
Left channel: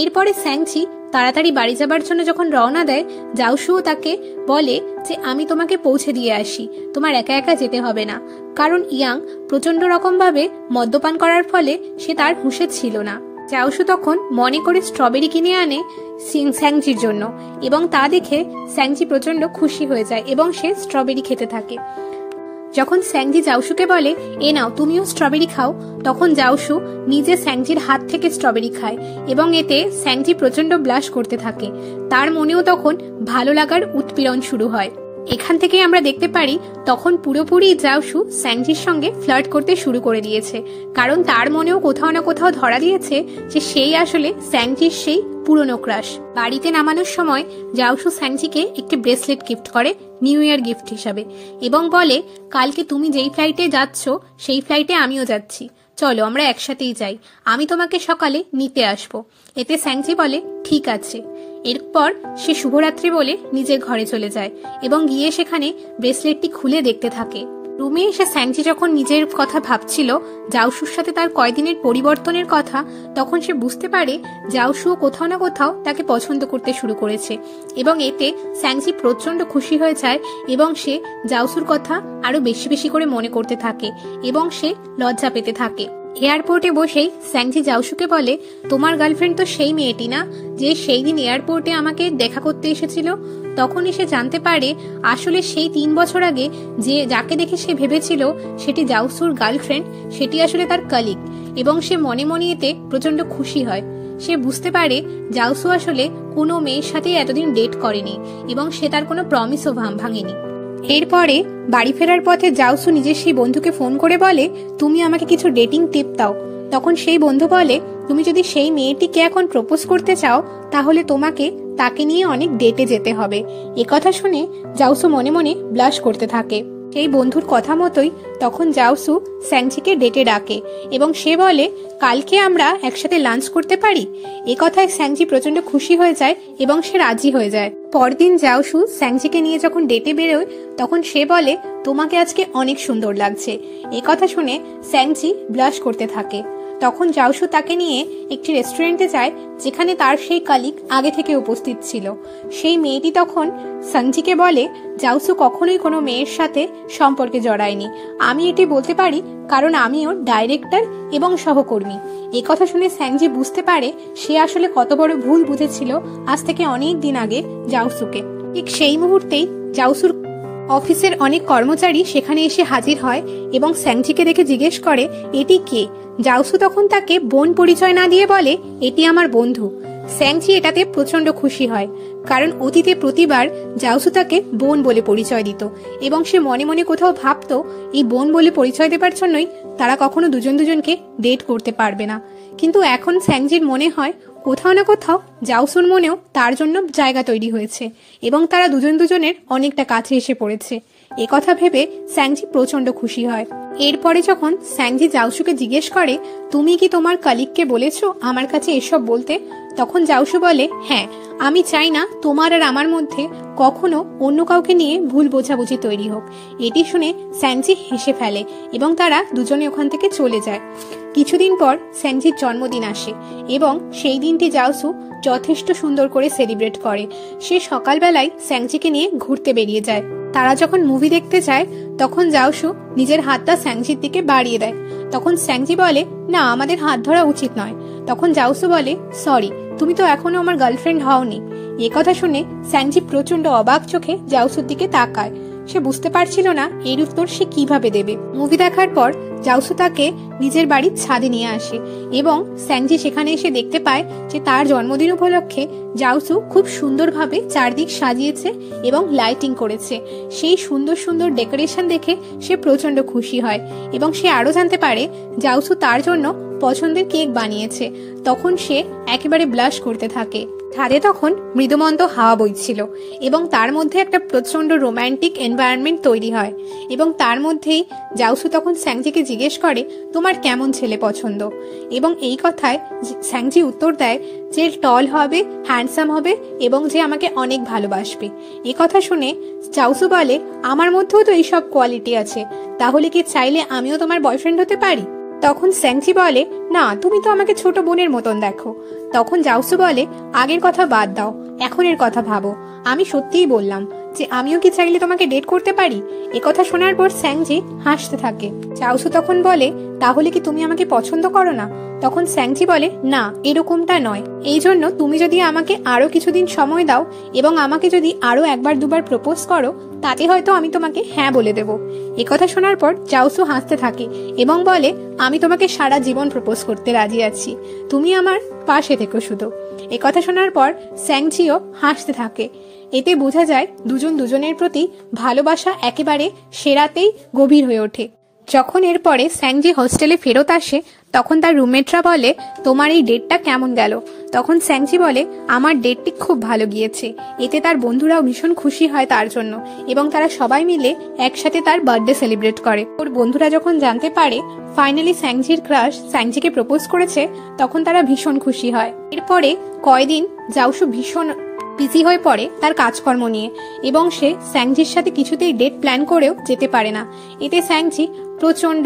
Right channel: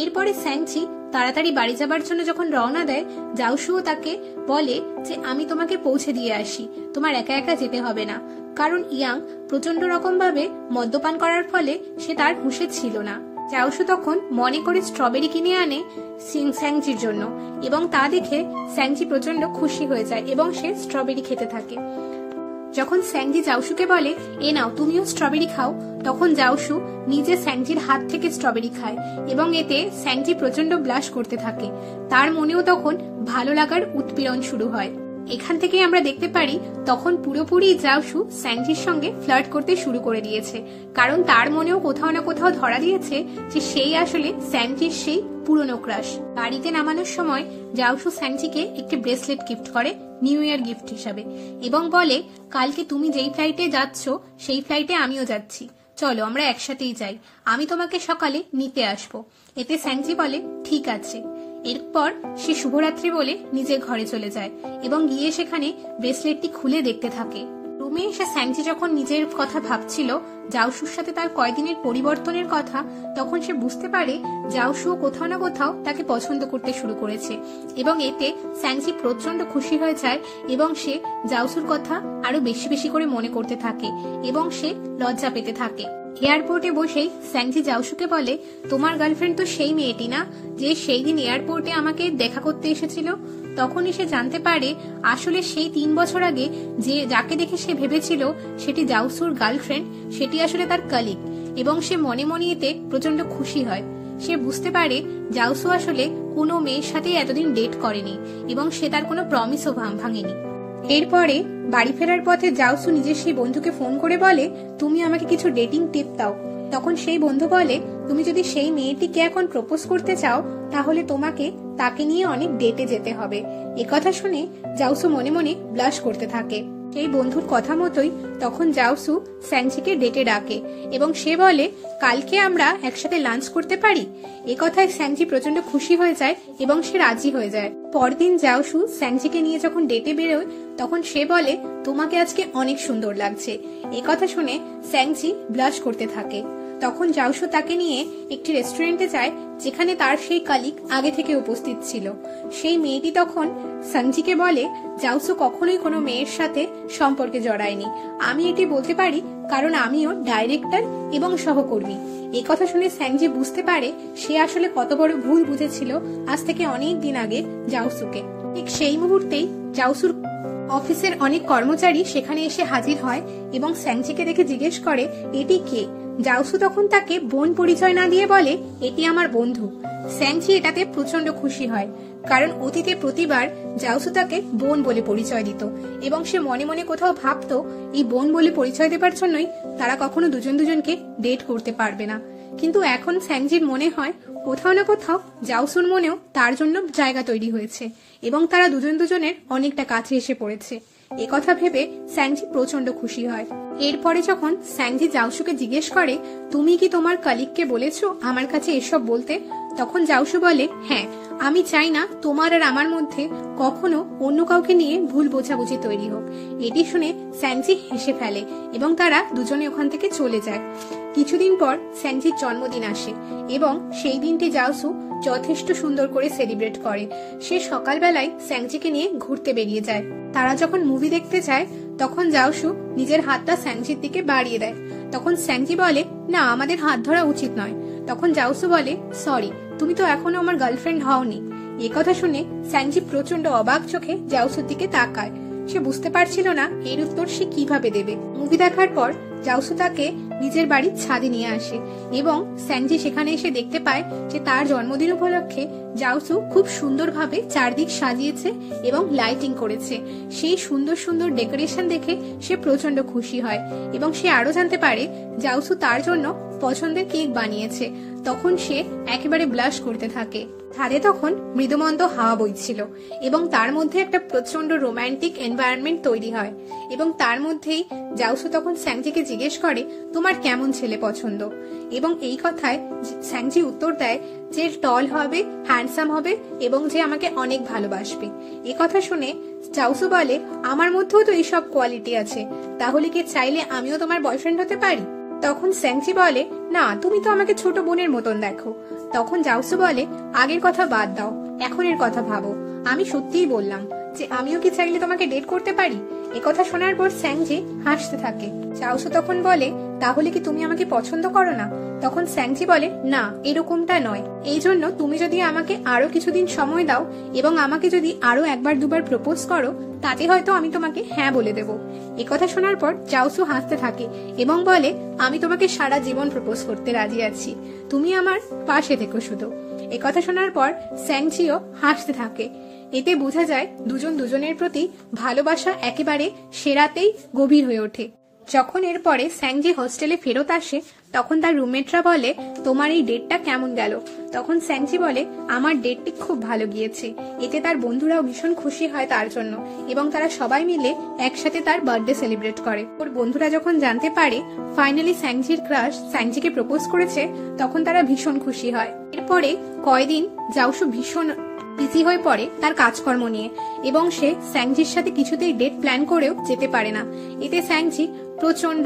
এরপরে স্যাংচি তাড়াতাড়ি বাড়ি যাবার জন্য যখন রওনা দেয়, জাউসুও তাকে বলে যে আমি তোমাকে পৌঁছে দিয়ে আসি, তোমার একা একা যেতে হবে না। কারণ ইয়াং প্রচন্ড রকম ভাবে মদ্যপান করার ফলে সে তার হুঁশে ছিল না। জাউসু তখন মনে করে স্ট্রবেরি কিনে আনে স্যাংচির জন্য এবং তা দেখে স্যাংচি প্রচন্ড খুশি হয়ে যায় এবং সে স্ট্রবেরি খেতে থাকে। যখন স্যাংচি জাউসুকে বলে, এ নাও তুমিও স্ট্রবেরি খাও, তখন জাউসু নিজে স্যাংচির হাত থেকে স্ট্রবেরি খায় এবং এতে স্যাংচি প্রচন্ড ব্লাশ করতে থাকে। তার মনেও তখন ভালো লাগার উৎপীড়ন শুরু হয়। এখান থেকে আমরা দেখতে পারি তখন পুরোপুরি জাউসু স্যাংচির সঙ্গে ফ্লার্ট করতে শুরু করে দিয়েছে, কারণ তার মনেও কোথাও না কোথাও ধরা দিয়েছে যে সেই আসলে স্যাংচির সেই পুরনো ক্রাশ। বাড়িতে নামানোর সময় জাউসু স্যাংচিকে একটি ব্রেসলেট গিফট করে নিউ ইয়ার গিফট হিসাবে এবং বলে, কালকে তুমি যেই ফ্লাইটে যাচ্ছ সেই ফ্লাইটে আমিও যাচ্ছি, চলো আমরা একসাথেই যাই, আমি তোমাকে সকালে নিতে আসবো। এতে স্যাংচি বলে, ঠিক আছে। এরপর সে শুভরাত্রি বলে নিজের ঘরে চলে যায় এবং গিয়ে সেখানে ব্রেসলেটটি খুলে দেখতে থাকে। রুমে এসে স্যাংচি যখন নিজের কথা ভাবছিল, জাউসুর সাথে তার কয়দিনের পরিবর্তনের কথা, তখন সে বুঝতে পারে জাউসুও কোথাও না কোথাও তাকে পছন্দ করতে শুরু করেছে এবং এতে স্যাংচি প্রচন্ড খুশি হয়ে যায় এবং সে জাউসুর কথা আরো বেশি বেশি করে মনে করতে থাকে এবং সে লজ্জা পেতে থাকে। এয়ারপোর্টে বসেই স্যাংচি জাউসুকে বলে, তোমার গার্লফ্রেন্ড তো সেই মেয়েটি না যে সেই দিন এয়ারপোর্টে আমাকে দেখা করতে এসেছিল? তখনই সে জানতে পারে আসলে সেই 3 বছর আগে যে যাকে দেখে সে ভেবেছিল সেটি জাউসুর গার্লফ্রেন্ড, সেটি আসলে তার কলিগ এবং সে মনে মনে এতে প্রচন্ড খুশি হয়। সে বুঝতে পারে জাউসু আসলে কোনো মেয়ের সাথে এতদিন ডেট করেনি এবং সে তার কোনো প্রমিসও ভাঙেনি। এরপরে বাড়ি ফেরার পথে জাউসু নিজের সেই বন্ধুকে ফোন করে বলে, তুমি আমাকে কিছু ডেটিং টিপ দাও। তখন সেই বন্ধু বলে, তুমি যদি সেই মেয়েটিকে এখন প্রপোজ করতে চাও তাহলে তোমাকে তাকে নিয়ে অনেক ডেটে যেতে হবে। একথা শুনে জাউসু মনে মনে ব্লাশ করতে থাকে। সেই বন্ধুর কথা মতোই তখন জাউসু স্যাংচিকে ডেটে ডাকে এবং সে বলে, কালকে আমরা একসাথে লাঞ্চ করতে পারি? একথায় স্যাংচি প্রচন্ড খুশি হয়ে যায় এবং সে রাজি হয়ে যায়। পরদিন জাউসু স্যাংচিকে নিয়ে যখন ডেটে বেরোয় তখন সে বলে, তোমাকে আজকে অনেক সুন্দর লাগছে। একথা শুনে স্যাংচি ব্লাশ করতে থাকে। তখন জাউসু তাকে নিয়ে একটি রেস্টুরেন্টে যায় যেখানে তার সেই কলিগ আগে থেকে উপস্থিত ছিল। সেই মেয়েটি তখন স্যাংচিকে বলে, জাউসু কখনোই কোনো মেয়ের সাথে সম্পর্কে জড়ায়নি, আমি এটি বলতে পারি কারণ আমি ওর ডাইরেক্টর এবং সহকর্মী। একথা শুনে স্যাংচি বুঝতে পারে সে আসলে কত বড় ভুল বুঝেছিল আজ থেকে অনেক দিন আগে জাউসুকে। ঠিক সেই মুহূর্তেই জাউসুর অফিসের অনেক কর্মচারী সেখানে এসে হাজির হয় এবং স্যাংচিকে দেখে জিজ্ঞেস করে, এটি কে? জাউসু তখন তাকে বোন পরিচয় না দিয়ে বলে, এটি আমার বন্ধু। স্যাংচি এটাতে প্রচন্ড খুশি হয় কারণ অতীতে প্রতিবার জাউসু তাকে বোন বলে পরিচয় দিত এবং সে মনে মনে কোথাও ভাবতো এই বোন বলে পরিচয় দেবার জন্যই তারা কখনো দুজন দুজনকে ডেট করতে পারবে না। কিন্তু এখন স্যাংচির মনে হয় কোথাও না কোথাও জাউসুর মনেও তার জন্য জায়গা তৈরি হয়েছে এবং তারা দুজন দুজনের অনেকটা কাছে এসে পড়েছে। একথা ভেবে স্যাংচি প্রচন্ড খুশি হয়। এরপরে যখন স্যাংচি জাউসুকে জিজ্ঞেস করে, তুমি কি তোমার কলিগকে বলেছো আমার কাছে এসব বলতে? তখন জাউসু বলে, হ্যাঁ, আমি চাই না তোমার আর আমার মধ্যে কখনো অন্য কাউকে নিয়ে ভুল বোঝাবুঝি তৈরি হোক। এটি শুনে স্যাংচি হেসে ফেলে এবং তারা দুজনে ওখান থেকে চলে যায়। কিছুদিন পর স্যাংচির জন্মদিন আসে এবং সেই দিনটি জাউসু যথেষ্ট সুন্দর করে সেলিব্রেট করে। সে সকালবেলায় স্যাংচিকে নিয়ে ঘুরতে বেরিয়ে যায়। তারা যখন মুভি দেখতে যায় তখন জাউসু নিজের হাতটা স্যাংচির দিকে বাড়িয়ে দেয়। তখন স্যাংচি বলে, না, আমাদের হাত ধরা উচিত নয়। তখন জাউসু বলে, সরি, তুমি তো এখনো আমার গার্লফ্রেন্ড হওনি। একথা শুনে স্যাংচি প্রচন্ড অবাক চোখে জাউসুর দিকে তাকায়। সে বুঝতে পারছিল না এর উত্তর সে কিভাবে দেবে। মুভি দেখার পর জাউসু তাকে নিজের বাড়ির ছাদে নিয়ে আসে এবং স্যাংচি সেখানে এসে দেখতে পায় যে তার জন্মদিন উপলক্ষে জাউসু খুব সুন্দরভাবে চারদিক সাজিয়েছে এবং লাইটিং করেছে। সেই সুন্দর সুন্দর ডেকোরেশন দেখে সে প্রচন্ড খুশি হয় এবং সে আরো জানতে পারে জাউসু তার জন্য পছন্দের কেক বানিয়েছে। তখন সে একেবারে ব্লাশ করতে থাকে। ছাদে তখন মৃদুমন্দ হাওয়া বইছিল এবং তার মধ্যে একটা প্রচন্ড রোমান্টিক এনভায়রনমেন্ট তৈরি হয়। এবং তার মধ্যেই জাউসু তখন স্যাংজিকে জিজ্ঞেস করে, তোমার কেমন ছেলে পছন্দ? এবং এই কথায় স্যাংজি উত্তর দেয় যে টল হবে, হ্যান্ডসাম হবে এবং যে আমাকে অনেক ভালোবাসবে। এ কথা শুনে জাউসু বলে, আমার মধ্যেও তো এইসব কোয়ালিটি আছে, তাহলে কি চাইলে আমিও তোমার বয়ফ্রেন্ড হতে পারি? তখন স্যাংজি বলে, না, তুমি তো আমাকে ছোট বোনের মতন দেখো। তখন জাউসু বলে, আগের কথা বাদ দাও, এখনের কথা ভাবো। আমি সত্যিই বললাম যে আমিও কি চাইলে তোমাকে ডেট করতে পারি। একথা শোনার পর স্যাংজি হাসতে থাকে। জাউসু তখন বলে, তাহলে কি তুমি আমাকে পছন্দ করো না? তখন স্যাংজি বলে, না, এরকমটা নয়। এই জন্য তুমি যদি আমাকে আরো কিছুদিন সময় দাও এবং আমাকে যদি আরো একবার দুবার প্রপোজ করো, তাতে হয়তো আমি তোমাকে হ্যাঁ বলে দেব। একথা শোনার পর জাউসু হাসতে থাকে এবং বলে, আমি তোমাকে সারা জীবন প্রপোজ করতে রাজি আছি, তুমি আমার পাশে থেকো শুধু। একথা শোনার পর স্যাংজিও হাসতে থাকে। এতে বোঝা যায় দুজন দুজনের প্রতি ভালোবাসা একেবারে সেরাতেই গভীর হয়ে ওঠে। যখন এরপরে স্যাংজি হোস্টেলে ফেরত আসে, তখন তার রুমমেটরা বলে, তোমার এই ডেটটা কেমন গেল? তখন স্যাংজি বলে, আমার ডেটটি খুব ভালো গিয়েছে। এতে তার বন্ধুরাও ভীষণ খুশি হয় তার জন্য এবং তারা সবাই মিলে একসাথে তার বার্থডে সেলিব্রেট করে। ওর বন্ধুরা যখন জানতে পারে ফাইনালি স্যাংজির ক্রাশ স্যাংজিকে প্রপোজ করেছে, তখন তারা ভীষণ খুশি হয়। এরপরে কয়দিন জাউসু ভীষণ বিজি হয়ে পড়ে তার কাজকর্ম নিয়ে এবং সে স্যাংজির সাথে কিছুতেই ডেট প্ল্যান করেও যেতে পারে না। এতে স্যাংজি প্রচন্ড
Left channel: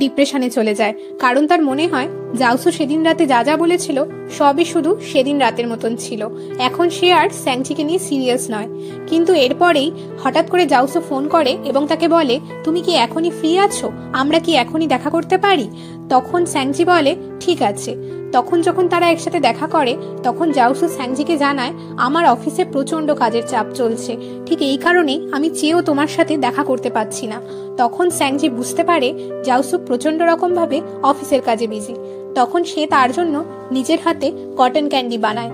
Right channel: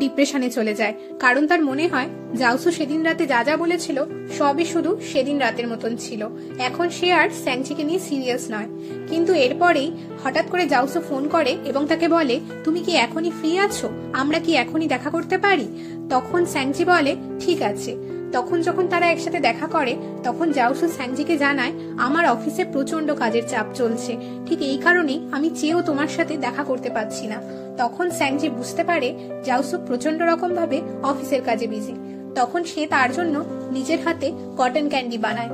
ডিপ্রেশনে চলে যায়, কারণ তার মনে হয় জাউসু সেদিন রাতে যা যা বলেছিল সবই শুধু সেদিন রাতের মতন ছিল, এখন সে আর স্যাংজিকে নিয়ে সিরিয়াস নয়। কিন্তু এরপরেই হঠাৎ করে জাউসু ফোন করে এবং তাকে বলে, তুমি কি এখনই ফ্রি আছো? আমরা কি এখনই দেখা করতে পারি? তখন স্যাংজি বলে, ঠিক আছে। তখন যখন তারা একসাথে দেখা করে, তখন জাউসু স্যাংজিকে জানায়, আমার অফিসে প্রচন্ড কাজের চাপ চলছে, ঠিক এই কারণেই আমি চেয়েও তোমার সাথে দেখা করতে পারছি না। তখন স্যাংজি বুঝতে পারে জাউসু প্রচন্ড রকম ভাবে অফিসের কাজে বিজি। তখন সে তার জন্য নিজের হাতে কটন ক্যান্ডি বানায়।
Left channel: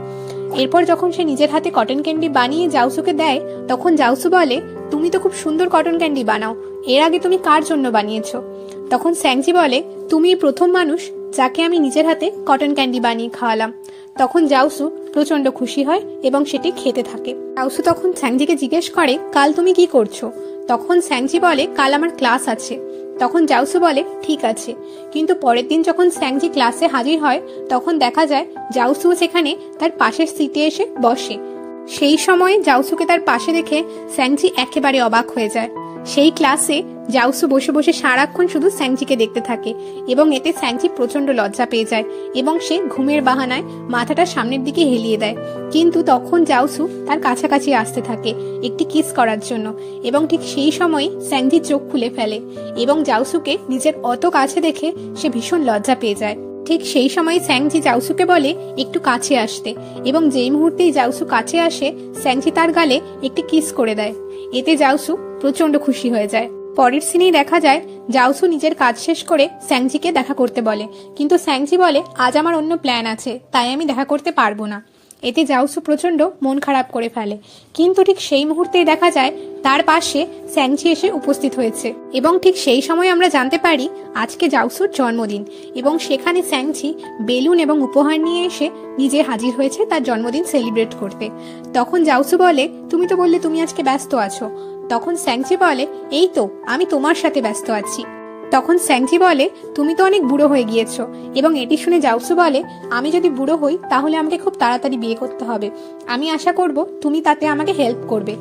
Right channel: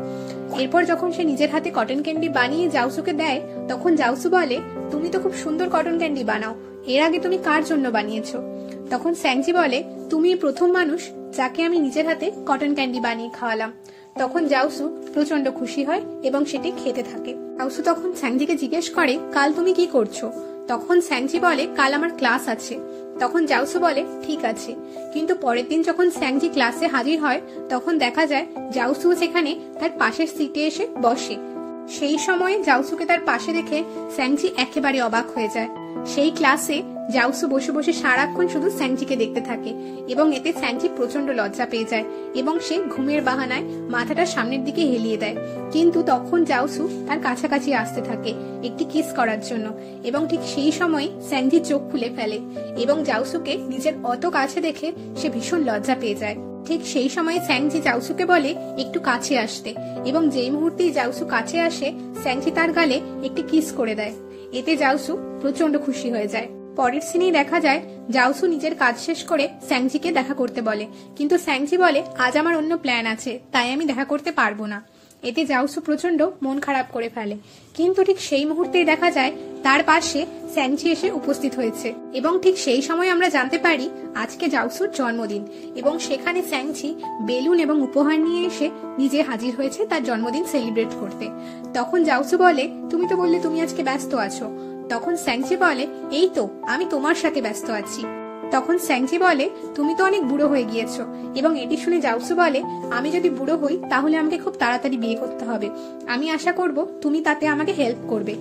এরপর যখন সে নিজের হাতে কটন ক্যান্ডি বানিয়ে জাউসুকে দেয়, তখন জাউসু বলে, তুমি তো খুব সুন্দর কটন ক্যান্ডি বানাও, এর আগে তুমি কার জন্য বানিয়েছো? তখন স্যাংজি বলে, তুমি প্রথম মানুষ যাকে আমি নিজের হাতে কটন ক্যান্ডি বানিয়ে খাওয়ালাম। তখন জাউসু প্রচন্ড খুশি হয় এবং সেটি খেতে থাকে। জাউসু তখন স্যাংজিকে জিজ্ঞেস করে, কাল তুমি কি করছো? তখন স্যাংজি বলে, কাল আমার ক্লাস আছে। তখন জাউসু বলে, ঠিক আছে। কিন্তু পরের দিন যখন স্যাংজি ক্লাসে হাজির হয়, তখন দেখা যায় জাউসু সেখানে তার পাশের সিটে এসে বসে। সেই সময় জাউসুকে তার পাশে দেখে স্যাংজি একেবারে অবাক হয়ে যায়। সেই ক্লাসে জাউসু বসে বসে সারাক্ষণ শুধু স্যাংজিকে দেখতে থাকে এবং এতে স্যাংজি প্রচন্ড লজ্জা পেয়ে যায় এবং সে ঘুমের বাহানায় মাথাটা সামনের দিকে হেলিয়ে দেয়। কিন্তু তখন জাউসু তার কাছাকাছি আসতে থাকে একটি কিস করার জন্য এবং ঠিক সেই সময় স্যাংজি চোখ খুলে ফেলে এবং জাউসুকে নিজের অত কাছে দেখে সে ভীষণ লজ্জা পেয়ে যায়। ঠিক সেই সময় স্যাংজি জাউসুকে বলে একটু কাছে আসতে এবং যেই মুহূর্তেই জাউসু কাছে আসে, স্যাংজি তার গালে একটি কিস করে দেয়। এতে জাউসু প্রচন্ড খুশি হয়ে যায়। পরের সিনেই দেখা যায় জাউসু নিজের কাজ শেষ করে স্যাংজিকে দেখা করতে বলে, কিন্তু স্যাংজি বলে, আজ আমার অন্য প্ল্যান আছে, তাই আমি দেখা করতে পারবো না। এতে জাউসু প্রচন্ড মন খারাপ করে ফেলে। কিন্তু ঠিক সেই মুহূর্তেই দেখা যায় তার পাশে স্যাংজি এসে উপস্থিত হয়েছে এবং ঠিক সেই সময় আমরা জানতে পারি আজকে জাউসুর জন্মদিন এবং সেখানে স্যাংজি বেলুন এবং উপহার নিয়ে এসে নিজে হাজির হয়েছে তার জন্মদিন সেলিব্রেট করতে। তখন জাউসু বলে, তুমি তো বললে তুমি আজকে ব্যস্ত আছো। তখন স্যাংজি বলে, এই তো আমি তোমার সাথে ব্যস্ত আছি। তখন স্যাংজি বলে, তুমি তো অনেক বুড়ো হয়ে গিয়েছো। এবং এটি শুনে জাউসু বলে, আমি যদি বুড়ো হই তাহলে আমাকে খুব তাড়াতাড়ি বিয়ে করতে হবে, আমি আশা করব তুমি তাতে আমাকে হেল্প করবে।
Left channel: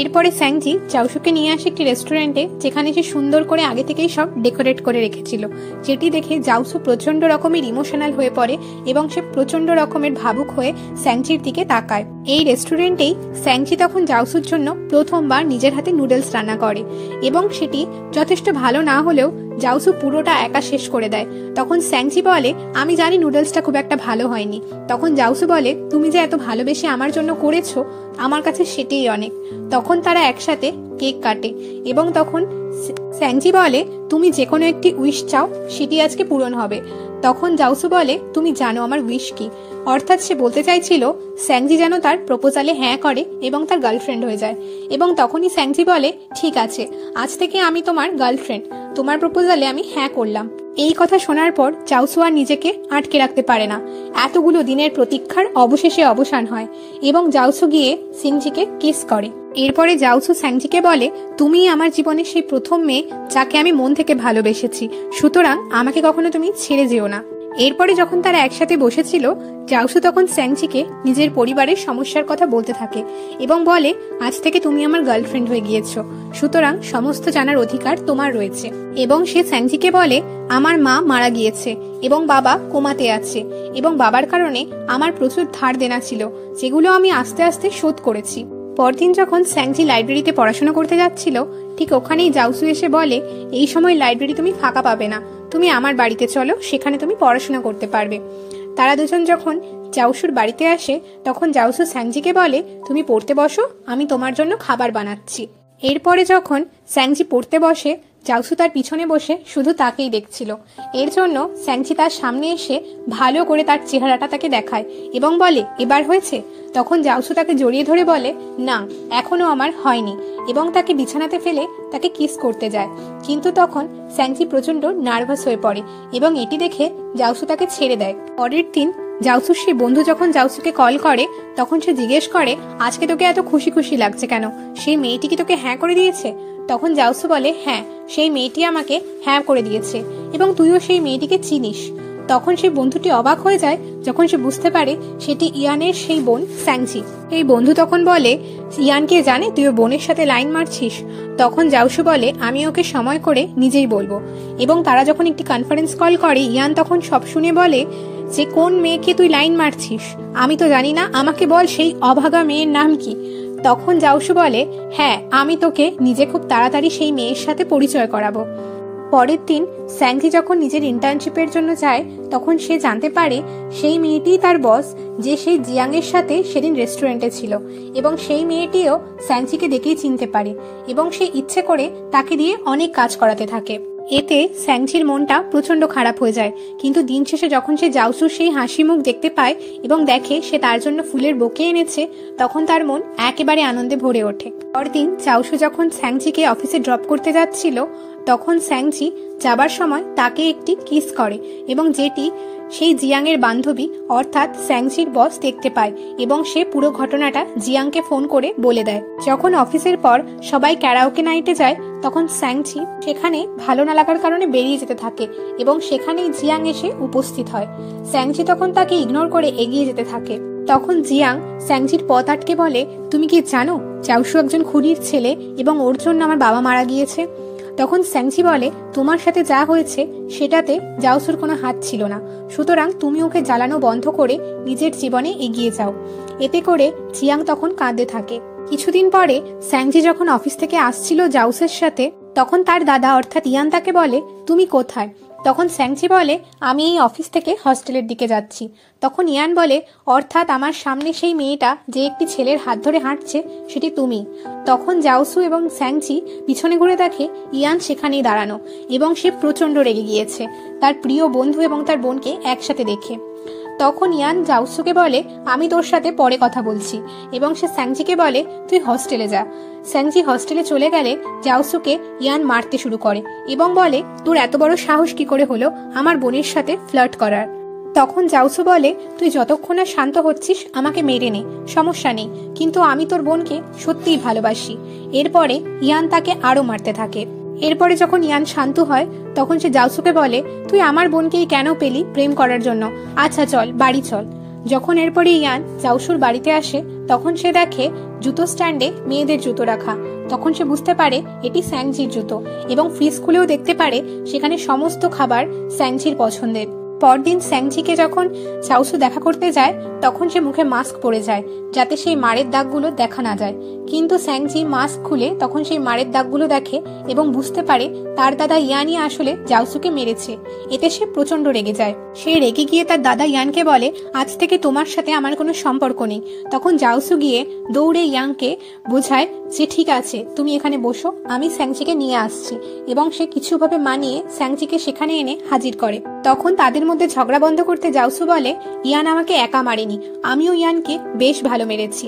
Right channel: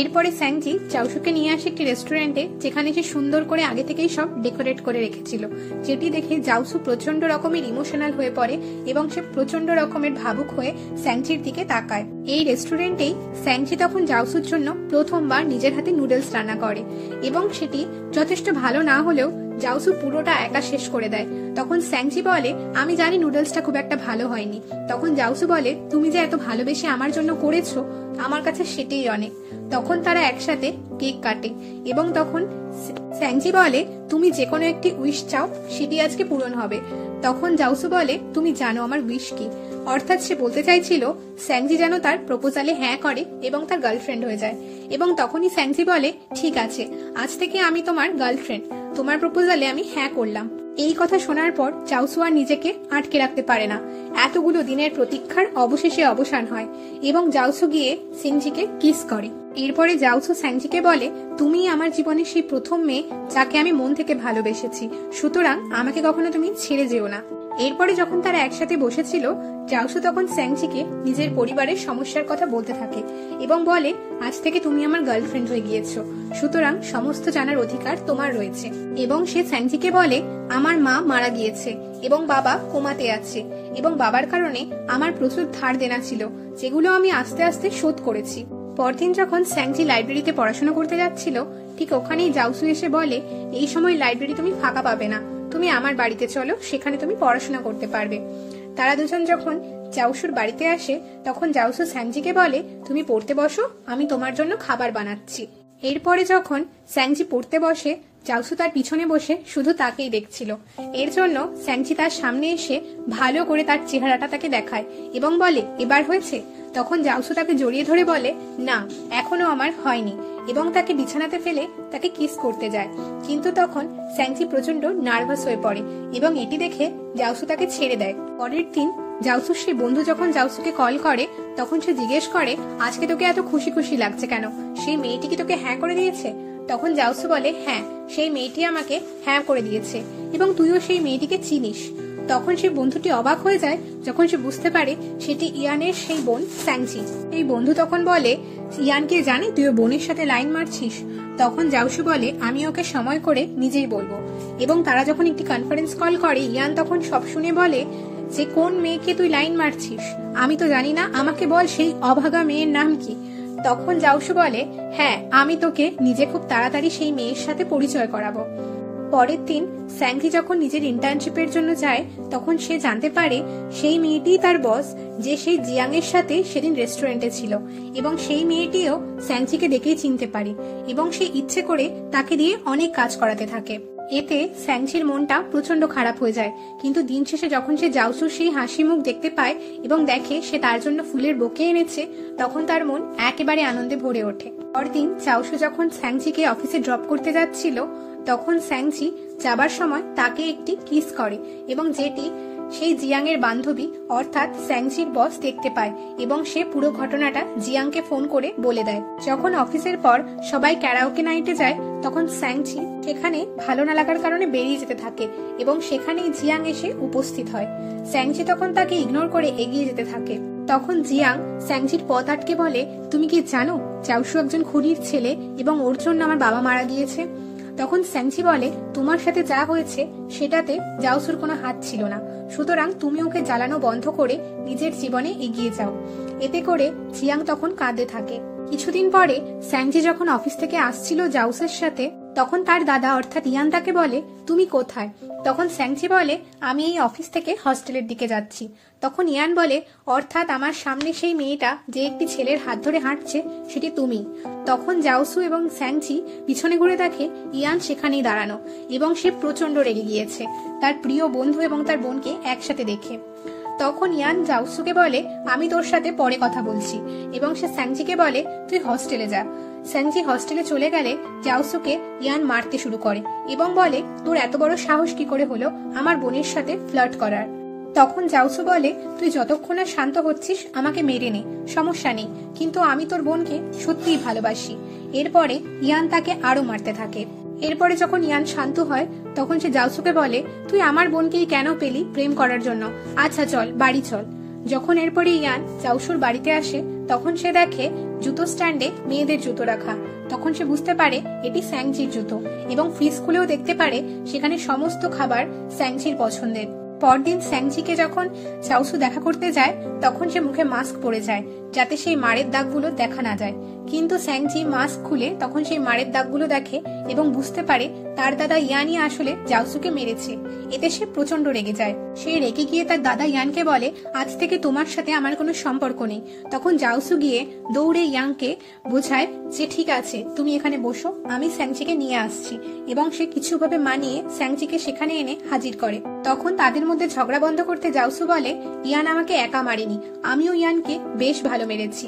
এরপরে স্যাংজি জাউসুকে নিয়ে আসে একটি রেস্টুরেন্টে, যেখানে সে সুন্দর করে আগে থেকেই সব ডেকোরেট করে রেখেছিল, যেটি দেখে জাউসু প্রচন্ড রকমের ইমোশনাল হয়ে পড়ে এবং সে প্রচন্ড রকমের ভাবুক হয়ে স্যাংজির দিকে তাকায়। এই রেস্টুরেন্টেই স্যাংজি তখন জাউসুর জন্য প্রথমবার নিজের হাতে নুডলস রান্না করে এবং সেটি যথেষ্ট ভালো না হলেও জাউসু পুরোটা একা শেষ করে দেয়। তখন স্যাংজি বলে, আমি জানি নুডলসটা খুব একটা ভালো হয়নি। তখন জাউসু বলে, তুমি যে এত ভালোবেসে আমার জন্য করেছো, আমার কাছে সেটাই অনেক। তখন তারা একসাথে কেক কাটে এবং তখন স্যাংজি বলে, তুমি যে কোনো একটি উইশ চাও, সেটি আজকে পূরণ হবে। তখন জাউসু বলে, তুমি জানো আমার উইশ কি? অর্থাৎ সে বলতে চাইছিল স্যাংজি যেন তার প্রপোজালে হ্যাঁ করে এবং তার গার্লফ্রেন্ড হয়ে যায়। এবং তখনই স্যাংজি বলে, ঠিক আছে, আজ থেকে আমি তোমার গার্লফ্রেন্ড, তোমার প্রপোজালে আমি হ্যাঁ করলাম। এই কথা শোনার পর চাউসু আর নিজেকে আটকে রাখতে পারে না। এতগুলো দিনের প্রতীক্ষার অবশেষে অবসান হয় এবং জাউসু গিয়ে সিংজিকে কিস করে। এরপরে জাউসু স্যাংজিকে বলে, তুমি আমার জীবনের সেই প্রথম মেয়ে যাকে আমি মন থেকে ভালোবেসেছি, সুতরাং আমাকে কখনো তুমি ছেড়ে যেও না। এরপরে যখন তারা একসাথে বসেছিল, জাউসু তখন স্যাংজিকে নিজের পরিবারের সমস্যার কথা বলতে থাকে এবং বলে, আজ থেকে তুমি আমার গার্লফ্রেন্ড হয়ে গিয়েছো, সুতরাং সমস্ত জানার অধিকার তোমার রয়েছে। এবং সে স্যাংজিকে বলে, আমার মা মারা গিয়েছে এবং বাবা কোমাতে আছে এবং বাবার কারণে আমার প্রচুর ধার দেনা ছিল, যেগুলো আমি আস্তে আস্তে শোধ করেছি। পরদিন যখন স্যাংজি লাইব্রেরিতে পড়াশোনা করতে যাচ্ছিল, ঠিক ওখানেই জাউসু এসে বলে, এই সময় লাইব্রেরি তুমি ফাঁকা পাবে না, তুমি আমার বাড়িতে চলো, সেখানে তুমি পড়াশোনা করতে পারবে। তারা দুজন যখন জাউসুর বাড়িতে আসে, তখন জাউসু স্যাংজিকে বলে, তুমি পড়তে বসো, আমি তোমার জন্য খাবার বানাচ্ছি। এরপরে যখন স্যাংজি পড়তে বসে, জাউসু তার পিছনে বসে শুধু তাকেই দেখছিল। এর জন্য স্যাংজি তার সামনে এসে ভালো করে তার চেহারাটা তাকে দেখায় এবং বলে, এবার হয়েছে? তখন জাউসু তাকে জড়িয়ে ধরে বলে, না, এখনো আমার হয়নি, এবং তাকে বিছানাতে ফেলে তাকে কিস করতে যায়। কিন্তু তখন স্যাংজি প্রচন্ড নার্ভাস হয়ে পড়ে এবং এটি দেখে জাউসু তাকে ছেড়ে দেয়। পরের দিন জাউসুর সেই বন্ধু যখন জাউসুকে কল করে, তখন সে জিজ্ঞেস করে, আজকে তোকে এত খুশি খুশি লাগছে কেন? সেই মেয়েটি কি তোকে হ্যাঁ করে দিয়েছে? তখন জাউসু বলে, হ্যাঁ, সেই মেয়েটি আমাকে হ্যাঁ করে দিয়েছে এবং তুইও সেই মেয়েটিকে চিনিস। তখন সেই বন্ধুটি অবাক হয়ে যায় যখন সে বুঝতে পারে সেটি ইয়ানের সেই বোন স্যাংজি। এই বন্ধু তখন বলে, ইয়ানকে জানে তুই ওর বোনের সাথে লাইন মারছিস? তখন জাউসু বলে, আমি ওকে সময় করে নিজেই বলবো। এবং তারা যখন একটি কনফারেন্স কল করে, ইয়ান তখন সব শুনে বলে যে, কোন মেয়েকে তুই লাইন মারছিস? আমি তো জানি না, আমাকে বল সেই অভাগা মেয়ের নাম কি? তখন জাউসু বলে, হ্যাঁ, আমি তোকে নিজে খুব তাড়াতাড়ি সেই মেয়ের সাথে পরিচয় করাবো। পরের দিন স্যাংজি যখন নিজের ইন্টার্নশিপের জন্য যায়, তখন সে জানতে পারে সেই মেয়েটিই তার বস, যে সেই জিয়াং এর সাথে সেদিন রেস্টুরেন্টে ছিল। এবং সেই মেয়েটিও স্যাংজিকে দেখেই চিনতে পারে এবং সে ইচ্ছে করে তাকে দিয়ে অনেক কাজ করাতে থাকে। এতে স্যাংজির মনটা প্রচন্ড খারাপ হয়ে যায়। কিন্তু দিন শেষে যখন সে জাউসুর সেই হাসি মুখ দেখতে পায় এবং দেখে সে তার জন্য ফুলের বোকে এনেছে, তখন তার মন একেবারে আনন্দে ভরে ওঠে। পরদিন জাউসু যখন স্যাংজিকে অফিসে ড্রপ করতে যাচ্ছিল, তখন স্যাংজি যাবার সময় তাকে একটি কিস করে এবং যেটি সেই জিয়াং এর বান্ধবী অর্থাৎ স্যাংজির বস দেখতে পায় এবং সে পুরো ঘটনাটা জিয়াংকে ফোন করে বলে দেয়। যখন অফিসের পর সবাই ক্যারাওকে নাইটে যায়, তখন স্যাংজি সেখানে ভালো না লাগার কারণে বেরিয়ে যেতে থাকে এবং সেখানেই জিয়াং এসে উপস্থিত হয়। স্যাংজি তখন তাকে ইগনোর করে এগিয়ে যেতে থাকে। তখন জিয়াং স্যাংজির পথ আটকে বলে, তুমি কি জানো জাউসু একজন খুনির ছেলে এবং ওর জন্য আমার বাবা মারা গিয়েছে? তখন স্যাংজি বলে, তোমার সাথে যা হয়েছে সেটাতে জাউসুর কোনো হাত ছিল না, সুতরাং তুমি ওকে জ্বালানো বন্ধ করে নিজের জীবনে এগিয়ে যাও। এতে করে জিয়াং তখন কাঁদতে থাকে। কিছুদিন পরে স্যাংজি যখন অফিস থেকে আসছিল জাউসের সাথে, তখন তার দাদা অর্থাৎ ইয়ান তাকে বলে, তুমি কোথায়? তখন স্যাংজি বলে, আমি এই অফিস থেকে হস্টেলের দিকে যাচ্ছি। তখন ইয়ান বলে, অর্থাৎ আমার সামনে সেই মেয়েটা যে একটি ছেলের হাত ধরে হাঁটছে সেটি তুমি। তখন জাউসু এবং স্যাংজি পিছনে ঘুরে দেখে ইয়ান সেখানেই দাঁড়ানো এবং সে প্রচন্ড রেগে গিয়েছে তার প্রিয় বন্ধু এবং তার বোনকে একসাথে দেখে। তখন ইয়ান জাউসুকে বলে, আমি তোর সাথে পরে কথা বলছি, এবং সে স্যাংজিকে বলে, তুই হস্টেলে যা। স্যাংজি হস্টেলে চলে গেলে জাউসুকে ইয়ান মারতে শুরু করে এবং বলে, তোর এত বড় সাহস কি করে হলো আমার বোনের সাথে ফ্লার্ট করার? তখন জাউসু বলে, তুই যতক্ষণ না শান্ত হচ্ছিস আমাকে মেরে নে, সমস্যা নেই, কিন্তু আমি তোর বোনকে সত্যিই ভালোবাসি। এরপরে ইয়ান তাকে আরো মারতে থাকে। এরপরে যখন ইয়ান শান্ত হয়, তখন সে জাউসুকে বলে, তুই আমার বোনকেই কেন পেলি প্রেম করার জন্য? আচ্ছা চল, বাড়ি চল। যখন এরপরে ইয়ান জাউসুর বাড়িতে আসে, তখন সে দেখে জুতো স্ট্যান্ডে মেয়েদের জুতো রাখা। তখন সে বুঝতে পারে এটি স্যাংজির জুতো এবং ফ্রিজ খুলেও দেখতে পারে সেখানে সমস্ত খাবার স্যাংজির পছন্দের। পরদিন স্যাংজিকে যখন জাউসু দেখা করতে যায়, তখন সে মুখে মাস্ক পরে যায় যাতে সেই মারের দাগগুলো দেখা না যায়। কিন্তু স্যাংজি মাস্ক খুলে তখন সেই মারের দাগগুলো দেখে এবং বুঝতে পারে তার দাদা ইয়ানই আসলে জাউসুকে মেরেছে। এতে সে প্রচন্ড রেগে যায়। সে রেগে গিয়ে তার দাদা ইয়ানকে বলে, আজ থেকে তোমার সাথে আমার কোনো সম্পর্ক নেই। তখন জাউসু গিয়ে দৌড়ে ইয়াংকে বোঝায় যে ঠিক আছে, তুমি এখানে বসো, আমি স্যাংজিকে নিয়ে আসছি, এবং সে কিছুভাবে মানিয়ে স্যাংজিকে সেখানে এনে হাজির করে। তখন তাদের মধ্যে ঝগড়া বন্ধ করতে জাউসু বলে, ইয়ান আমাকে একা মারেনি, আমিও ইয়ানকে বেশ ভালো মেরেছি।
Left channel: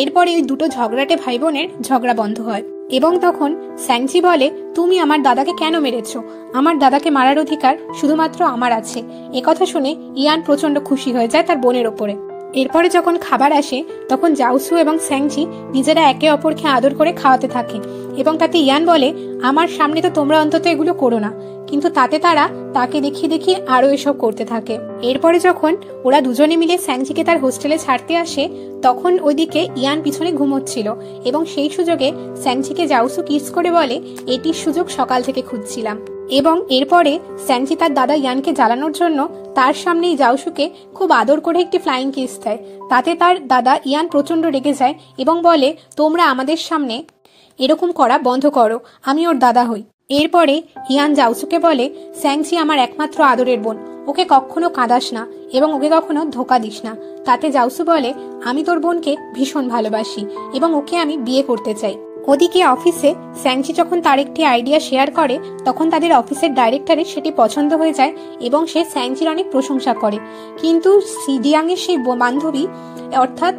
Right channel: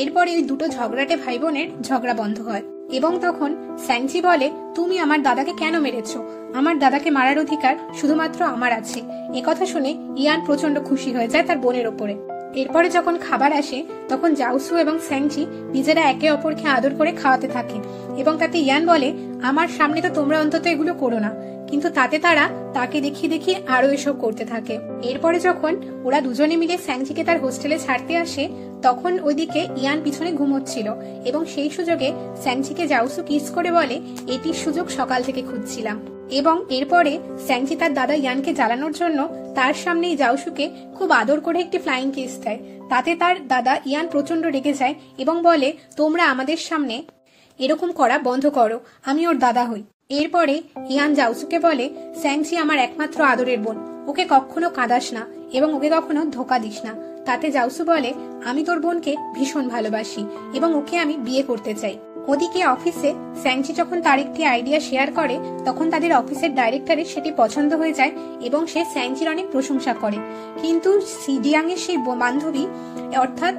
এরপরে ওই দুটো ঝগড়াটে ভাই বোনের ঝগড়া বন্ধ হয় এবং তখন স্যাংচি বলে, তুমি আমার দাদাকে কেন মেরেছো? আমার দাদাকে মারার অধিকার শুধুমাত্র আমার আছে। একথা শুনে ইয়ান প্রচন্ড খুশি হয়ে যায় তার বোনের ওপরে। এরপরে যখন খাবার আসে তখন জাউসু এবং স্যাংচি নিজেরা একে অপরকে আদর করে খাওয়াতে থাকে এবং তাতে ইয়ান বলে, আমার সামনে তো তোমরা অন্তত এগুলো করো না, কিন্তু তাতে তারা তাকে দেখিয়ে দেখিয়ে আরো এসব করতে থাকে। এরপরে যখন ওরা দুজনে মিলে স্যাংচিকে তার হোস্টেলে ছাড়তে আসে তখন ওইদিকে ইয়ান পিছনে ঘুমোচ্ছিল এবং সেই সুযোগে স্যাংচিকে জাউসু কিস করে বলে, এটির সুযোগ সকাল থেকে খুঁজছিলাম। এবং এরপরে স্যাংচি তার দাদা ইয়ানকে জ্বালানোর জন্য তার সামনেই জাউসুকে খুব আদর করে একটি ফ্লাইং কিস দেয়। তাতে তার দাদা ইয়ান প্রচন্ড রেগে যায় এবং বলে, তোমরা আমাদের সামনে এরকম করা বন্ধ করো, আমি ওর দাদা হই। এরপরে ইয়ান জাউসুকে বলে, স্যাংচি আমার একমাত্র আদরের বোন, ওকে কখনো কাঁদাস না এবং ওকে কখনো ধোকা দিস না। তাতে জাউসু বলে, আমি তোর বোনকে ভীষণ ভালোবাসি এবং ওকে আমি বিয়ে করতে চাই। ওদিকে অফিসে স্যাংচি যখন তার একটি আইডিয়া শেয়ার করে তখন তাদের অফিসের ডাইরেক্টরের সেটি পছন্দ হয়ে যায় এবং সে স্যাংচির অনেক প্রশংসা করে। কিন্তু জিয়াং এর সেই বান্ধবী অর্থাৎ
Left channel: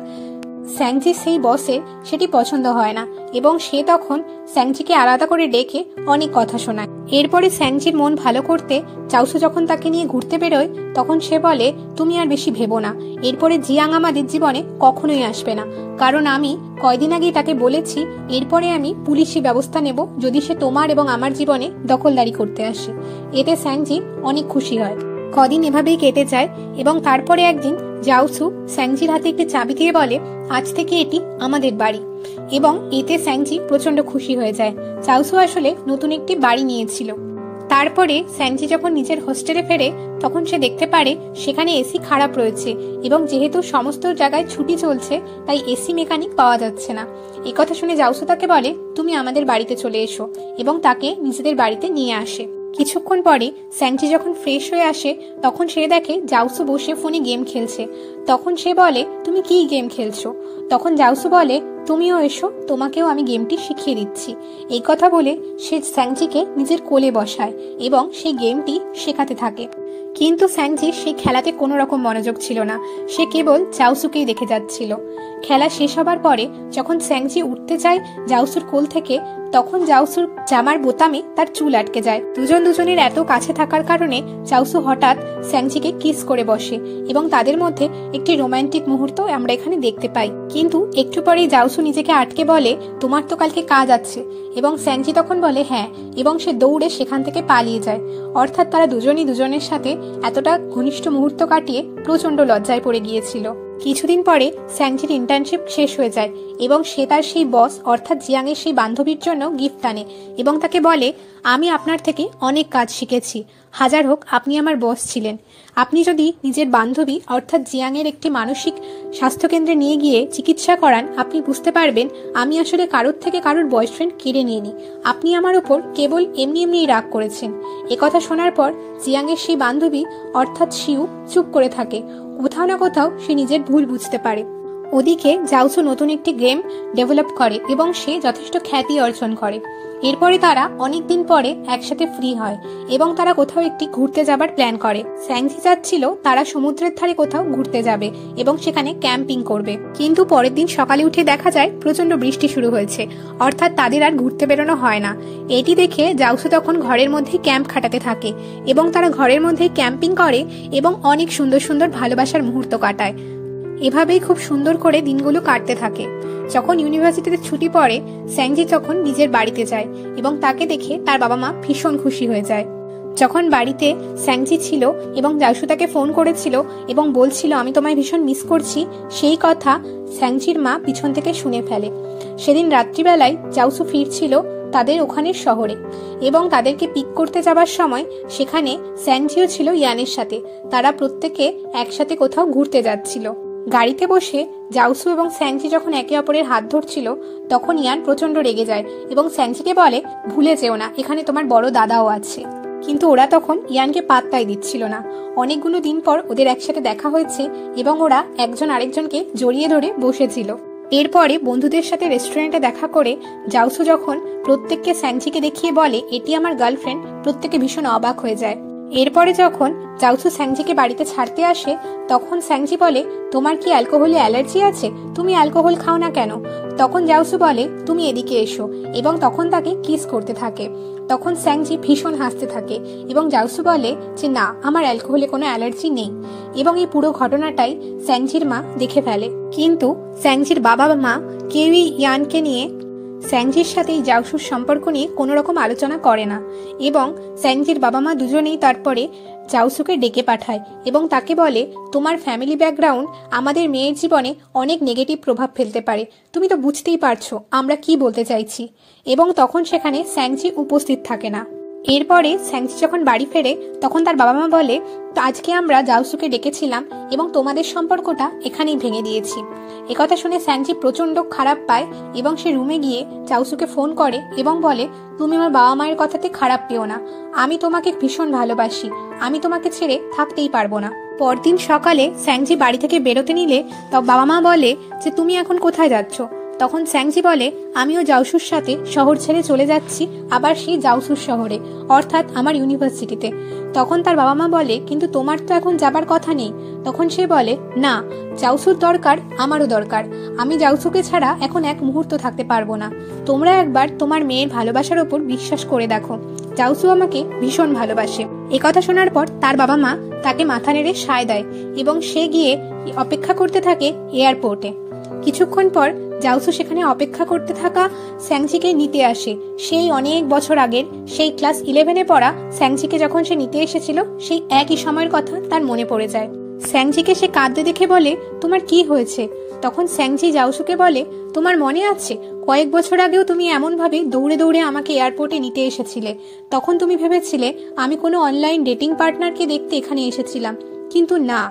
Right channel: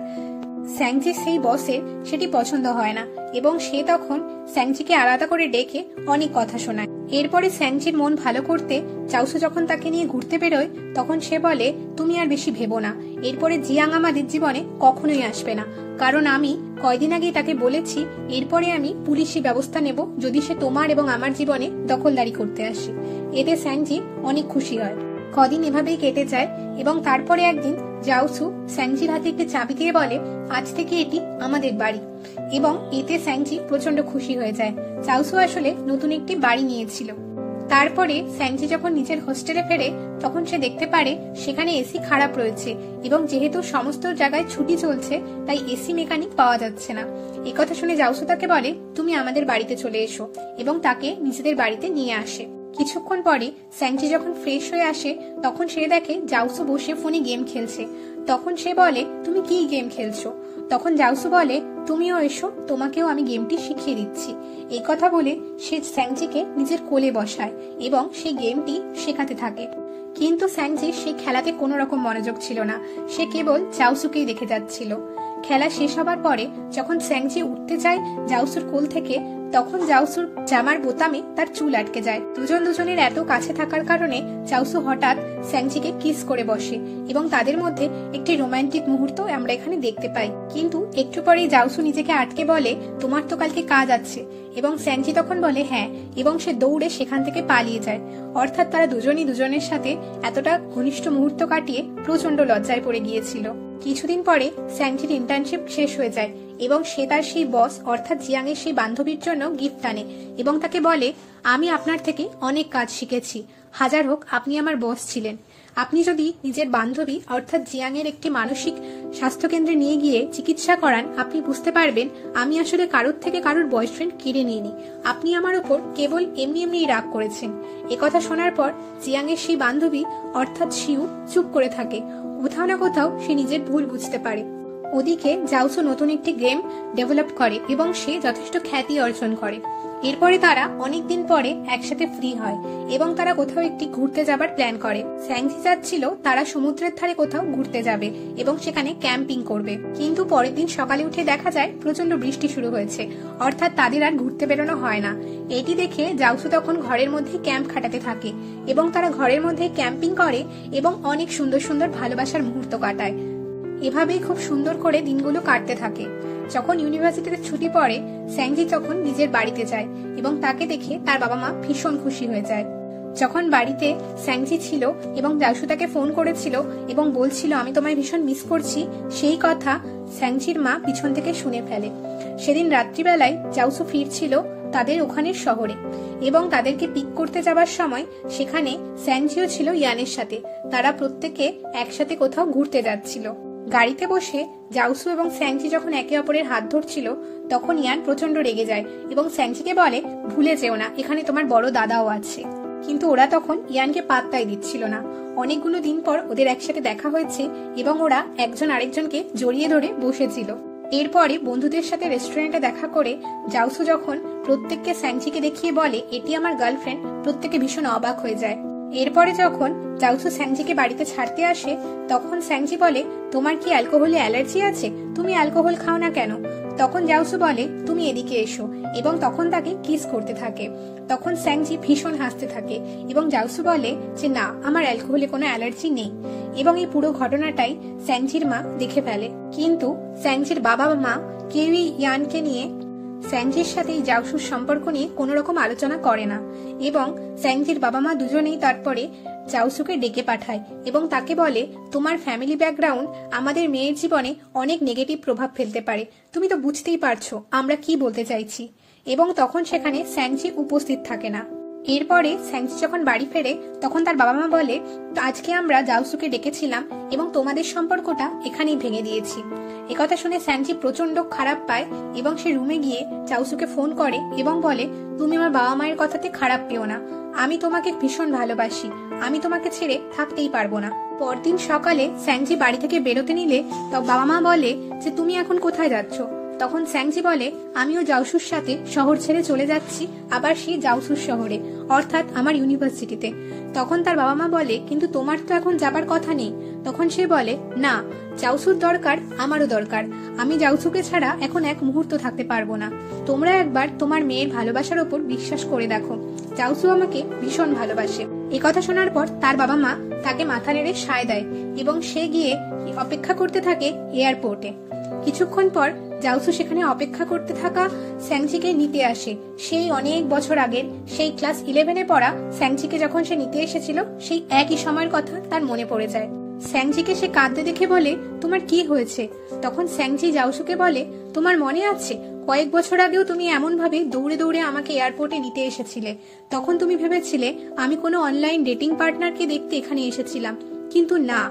স্যাংচির সেই বসের সেটি পছন্দ হয় না এবং সে তখন স্যাংচিকে আলাদা করে ডেকে অনেক কথা শোনায়। এরপরে স্যাংচির মন ভালো করতে জাউসু যখন তাকে নিয়ে ঘুরতে বেরোয় তখন সে বলে, তুমি আর বেশি ভেবো না, এরপরে জিয়াং আমাদের জীবনে কখনোই আসবে না, কারণ আমি কয়দিন আগেই তাকে বলেছি এরপরে আমি পুলিশি ব্যবস্থা নেব যদি সে তোমার এবং আমার জীবনে দখলদারি করতে আসে। এতে স্যাংচি অনেক খুশি হয়। কদিন এভাবেই কেটে যায় এবং তারপরে একদিন জাউসু স্যাংচির হাতে একটি চাবি দিয়ে বলে, আজ থেকে এটি আমাদের বাড়ি। এবং এতে স্যাংচি প্রচন্ড খুশি হয়ে যায়। জাউসু আসলে নতুন একটি বাড়ি নিয়েছিল। তারপরে স্যাংচি যখন নিজের হোস্টেলে ফেরে তখন সে দেখতে পারে সেখানে এসি খারাপ রয়েছে এবং যেহেতু সমস্ত জায়গায় ছুটি চলছে তাই এসি মেকানিক পাওয়া যাচ্ছে না। একথা শুনে জাউসু তাকে বলে, তুমি আমাদের বাড়িতে চলে এসো এবং তাকে নিজেদের বাড়িতে নিয়ে আসে। কিছুক্ষণ পরে স্যাংচি যখন ফ্রেশ হয়ে আসে তখন সে দেখে জাউসু বসে ফোনে গেম খেলছে। তখন সে বলে, তুমি কি গেম খেলছো? তখন জাউসু বলে, তুমিও এসো, তোমাকেও আমি গেমটি শিখিয়ে দিচ্ছি। এই কথা বলে সে স্যাংচিকে নিজের কোলে বসায় এবং সেই গেমটি শেখাতে থাকে। কিন্তু স্যাংচির সেই খেলাতে কোনো রকম মনোযোগ ছিল না, সে কেবল জাউসুকেই দেখে যাচ্ছিল। খেলা শেষ হবার পরে যখন স্যাংচি উঠতে চায় জাউসুর কোল থেকে তখন জাউসুর জামার বোতামে তার চুল আটকে যায়। দুজনের এত কাছে থাকার কারণে জাউসু হঠাৎ স্যাংচিকে কিস করে বসে এবং তাদের মধ্যে একটি রোমান্টিক মুহূর্ত আমরা এখানে দেখতে পাই। কিন্তু একটু পরেই জাউসু নিজেকে আটকে বলে, তোমার তো কালকে কাজ আছে। এবং স্যাংচি তখন বলে হ্যাঁ, এবং সে দৌড়ে সেখান থেকে পালিয়ে যায়। অর্থাৎ তারা দুজনই দুজনের সাথে এতটা ঘনিষ্ঠ মুহূর্ত কাটিয়ে প্রচন্ড লজ্জায় পড়ে গিয়েছিল। কিছুদিন পরে স্যাংচির ইন্টার্নশিপ শেষ হয়ে যায় এবং সে তার সেই বস অর্থাৎ জিয়াং এর সেই বান্ধবীর জন্য গিফট আনে এবং তাকে বলে, আমি আপনার থেকে অনেক কাজ শিখেছি, হাজার হোক আপনি আমার বস ছিলেন। আপনি যদি নিজের বান্ধবী অর্থাৎ জিয়াং এর একটি মানসিক স্বাস্থ্য কেন্দ্রে নিয়ে গিয়ে চিকিৎসা করান আপনি বুঝতে পারবেন আমি আসলে কারোর থেকে কারোর বয়ফ্রেন্ড কেড়ে নিইনি, আপনি আমার উপর কেবল এমনি রাগ করেছেন। একথা শোনার পর জিয়াং এর সেই বান্ধবী অর্থাৎ শিউ চুপ করে থাকে। কোথাও না কোথাও সে নিজের ভুল বুঝতে পারে। ওদিকে জাউসু নতুন একটি গেম ডেভেলপ করে এবং সে যথেষ্ট খ্যাতি অর্জন করে। এরপরে তারা অনেকদিন পরে একসাথে ফ্রি হয় এবং তারা কোথাও একটি ঘুরতে যাবার প্ল্যান করে। স্যাংচি চাচ্ছিল তারা সমুদ্রের ধারে কোথাও ঘুরতে যাবে এবং সেখানে ক্যাম্পিং করবে, কিন্তু পরের দিন সকালে উঠে দেখা যায় প্রচন্ড বৃষ্টি শুরু হয়েছে, অর্থাৎ তাদের আর ঘুরতে বেরোনো হয় না। এটি দেখে জাউসু তখন ঘরের মধ্যে ক্যাম্প খাটাতে থাকে এবং তারা ঘরের মধ্যে ক্যাম্পিং করে এবং অনেক সুন্দর সুন্দর ভালোবাসার মুহূর্ত কাটায়। এভাবেই খুব সুন্দর করে দিনগুলো কাটতে থাকে। যখন ইউনিভার্সিটিতে ছুটি পড়ে স্যাংচি তখন নিজের বাড়িতে যায় এবং তাকে দেখে তার বাবা মা ভীষণ খুশি হয়ে যায়। যখন বাড়িতে স্যাংচি ছিল এবং জাউসু তাকে ফোন করেছিল এবং বলছিল আমি তোমায় ভীষণ মিস করছি, সেই কথা স্যাংচির মা পিছন থেকে শুনে ফেলে। সেদিন রাত্রিবেলায় জাউসু ফিরছিল তাদের ওখানের শহরে এবং তাদেরকে পিক করতে যাবার সময় সেখানে স্যাংচিও ছিল ইয়ানের সাথে। তারা প্রত্যেকে একসাথে কোথাও ঘুরতে যাচ্ছিল। গাড়িতে বসে জাউসু এবং স্যাংচি যখন একে অপরের হাত ধরছিল তখন ইয়ান প্রচন্ড রেগে যায় এবং স্যাংচিকে বলে, ভুলে যেও না এখানে তোমার বড় দাদাও আছে। কিন্তু ওরা তখন ইয়ানকে পাত্তাই দিচ্ছিল না। অনেকগুলো দিন পর ওদের একসাথে দেখা হয়েছে এবং ওরা একজন আরেকজনকে জড়িয়ে ধরে বসেছিল। এরপরে বন্ধুদের সাথে রেস্টুরেন্টে দেখা করে জাউসু যখন প্রত্যেককে স্যাংচিকে দেখিয়ে বলে এটি আমার গার্লফ্রেন্ড, প্রত্যেকে ভীষণ অবাক হয়ে যায় এরপরে যখন জাউসু স্যাংজিকে বাড়িতে ছাড়তে আসে তখন স্যাংজি বলে, তোমার কি অ্যালকোহলে অ্যালার্জি আছে? তুমি অ্যালকোহল খাও না কেন? তখন জাউসু বলে, তুমি এদিকে এসো, এবং তখন তাকে কিস করতে থাকে। তখন স্যাংজি ভীষণ হাসতে থাকে এবং জাউসু বলে যে না, আমার অ্যালকোহলে কোনো অ্যালার্জি নেই। এবং এই পুরো ঘটনাটাই স্যাংজির মা দেখে ফেলে। কিন্তু স্যাংজির বাবা মা কেউই ইয়ানকে নিয়ে স্যাংজির সাথে এই জাউসুর সম্পর্ক নিয়ে কোনো রকম আলোচনা করে না। এবং স্যাংজির বাবা মা দুজনেই তারপরে জাউসুকে ডেকে পাঠায় এবং তাকে বলে, তোমার ফ্যামিলি ব্যাকগ্রাউন্ড আমাদের মেয়ের জীবনে অনেক নেগেটিভ প্রভাব ফেলতে পারে, তুমি তো বুঝতেই পারছো আমরা কি বলতে চাইছি। এবং তখন সেখানে স্যাংজি উপস্থিত থাকে না। এরপরে স্যাংজি যখন বাড়ি ফেরে তখন তার বাবা মা বলে, আজকে আমরা জাউসুকে ডেকেছিলাম এবং তোমাদের সম্পর্কটা এখানেই ভেঙে দিয়েছি। একথা শুনে স্যাংজি প্রচন্ড খারাপ পায় এবং সে রুমে গিয়ে জাউসুকে ফোন করে এবং বলে, তুমি আমার বাবা মায়ের কথাতে খারাপ পেও না, আমি তোমাকে ভীষণ ভালোবাসি, আমি তোমাকে ছেড়ে থাকতেই পারবো না। পরদিন সকালে স্যাংজি বাড়ি থেকে বেরোতে নিলে বাবা মা বলে যে তুমি এখন কোথায় যাচ্ছ? তখন স্যাংজি বলে, আমিও জাউসুর সাথে শহর ছেড়ে চলে যাচ্ছি, আবার সেই জাউসুর শহরে, অর্থাৎ আমার ইউনিভার্সিটিতে। তখন তার বাবা মা বলে, কিন্তু তোমার তো এখন যাবার কথা নেই। তখন সে বলে, না, জাউসুর দরকার, আমারও দরকার, আমি জাউসুকে ছাড়া এখন এক মুহূর্ত থাকতে পারবো না। তোমরা একবার তোমার মেয়ের ভালোবাসার ওপর বিশ্বাস করে দেখো, জাউসু আমাকে ভীষণ ভালোবাসে। একথা শোনার পর তার বাবা মা তাকে মাথা নেড়ে সায় দেয় এবং সে গিয়ে অপেক্ষা করতে থাকে এয়ারপোর্টে। কিছুক্ষণ পর জাউসু সেখানে অপেক্ষা করতে থাকা স্যাংজিকে নিতে আসে। সেই অনেক বছর আগের সেই ক্লাস 11-এ পড়া স্যাংজিকে যখন সে নিতে এসেছিল সেই একই সময়ের কথা তার মনে পড়ে যায়। স্যাংজিকে সে কাঁদতে দেখে বলে, তোমার কি হয়েছে? তখন স্যাংজি জাউসুকে বলে, তোমার মনে আছে কয়েক বছর আগেও তুমি এমন ভাবে দৌড়ে দৌড়ে আমাকে এয়ারপোর্টে নিতে এসেছিলে। তখন তুমি ভেবেছিলে আমি কোনো অনলাইন ডেটিং পার্টনারকে দেখতে এখানে এসেছিলাম, কিন্তু না,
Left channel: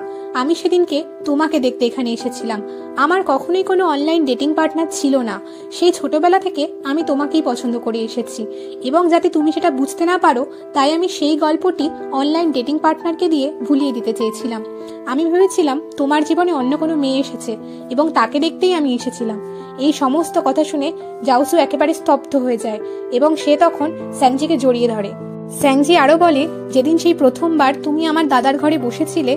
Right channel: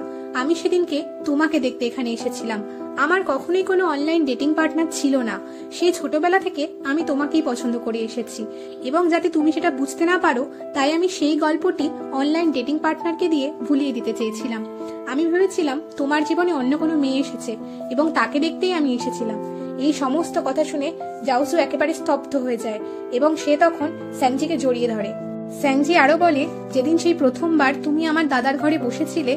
আমি সেদিনকে তোমাকে দেখতে এখানে এসেছিলাম। আমার কখনোই কোনো অনলাইন ডেটিং পার্টনার ছিল না। সেই ছোটবেলা থেকে আমি তোমাকেই পছন্দ করে এসেছি এবং যাতে তুমি সেটা বুঝতে না পারো তাই আমি সেই গল্পটি অনলাইন ডেটিং পার্টনারকে দিয়ে ভুলিয়ে দিতে চেয়েছিলাম। আমি ভেবেছিলাম তোমার জীবনে অন্য কোনো মেয়ে এসেছে এবং তাকে দেখতেই আমি এসেছিলাম। এই সমস্ত কথা শুনে জাউসু একেবারে স্তব্ধ হয়ে যায় এবং সে তখন স্যাংজিকে জড়িয়ে ধরে। স্যাংজি আরো বলে, যেদিন সেই প্রথমবার তুমি আমার দাদার ঘরে বসেছিলে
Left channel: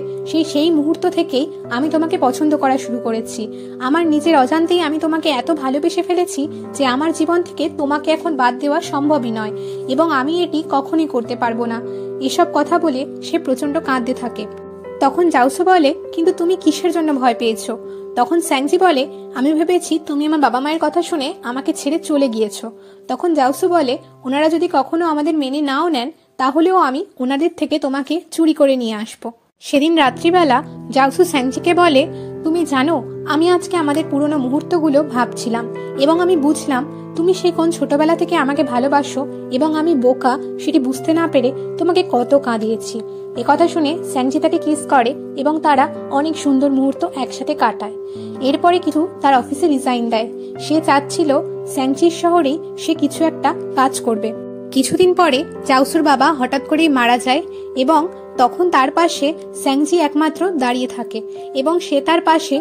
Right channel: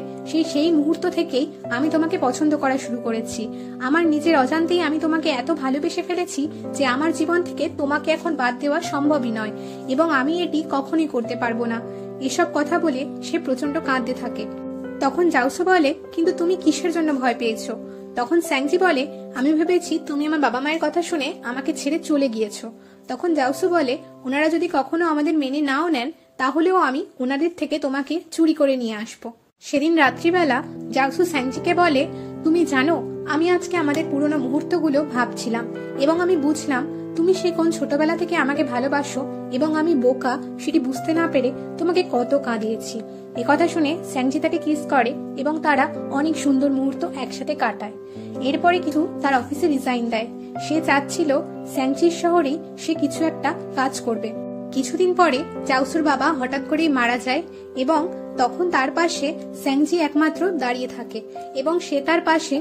সেই মুহূর্ত থেকেই আমি তোমাকে পছন্দ করা শুরু করেছি। আমার নিজের অজান্তেই আমি তোমাকে এত ভালোবেসে ফেলেছি যে আমার জীবন থেকে তোমাকে এখন বাদ দেওয়া সম্ভবই নয় এবং আমি এটি কখনোই করতে পারবো না। এসব কথা বলে সে প্রচন্ড কাঁদতে থাকে। তখন জাউসু বলে, কিন্তু তুমি কিসের জন্য ভয় পেয়েছো? তখন স্যাংজি বলে, আমি ভেবেছি তুমি আমার বাবা মায়ের কথা শুনে আমাকে ছেড়ে চলে গিয়েছো। তখন জাউসু বলে, ওনারা যদি কখনো আমাদের মেনে নাও নেন তাহলেও আমি ওনাদের থেকে তোমাকে চুরি করে নিয়ে আসবো। সেদিন রাত্রিবেলা জাউসু স্যাংজিকে বলে, তুমি জানো আমি আজকে আমাদের পুরোনো মুহূর্তগুলো ভাবছিলাম এবং আমি বুঝলাম তুমি সেই কোন ছোটবেলা থেকে আমাকে ভালোবাসো এবং আমি বোকা সেটি বুঝতে না পেরে তোমাকে কত কাঁদিয়েছি। একথা শুনে স্যাংজি তাকে কিস করে এবং তারা অনেক সুন্দর মুহূর্ত একসাথে কাটায়। এরপরে কিছু তার অফিসে রিজাইন দেয়। সে চাচ্ছিল স্যাংজির শহরেই সে কিছু একটা কাজ করবে। কিছুদিন পরে জাউসুর বাবা হঠাৎ করেই মারা যায় এবং তখন তার পাশে স্যাংজি একমাত্র দাঁড়িয়ে থাকে এবং সে তার পাশে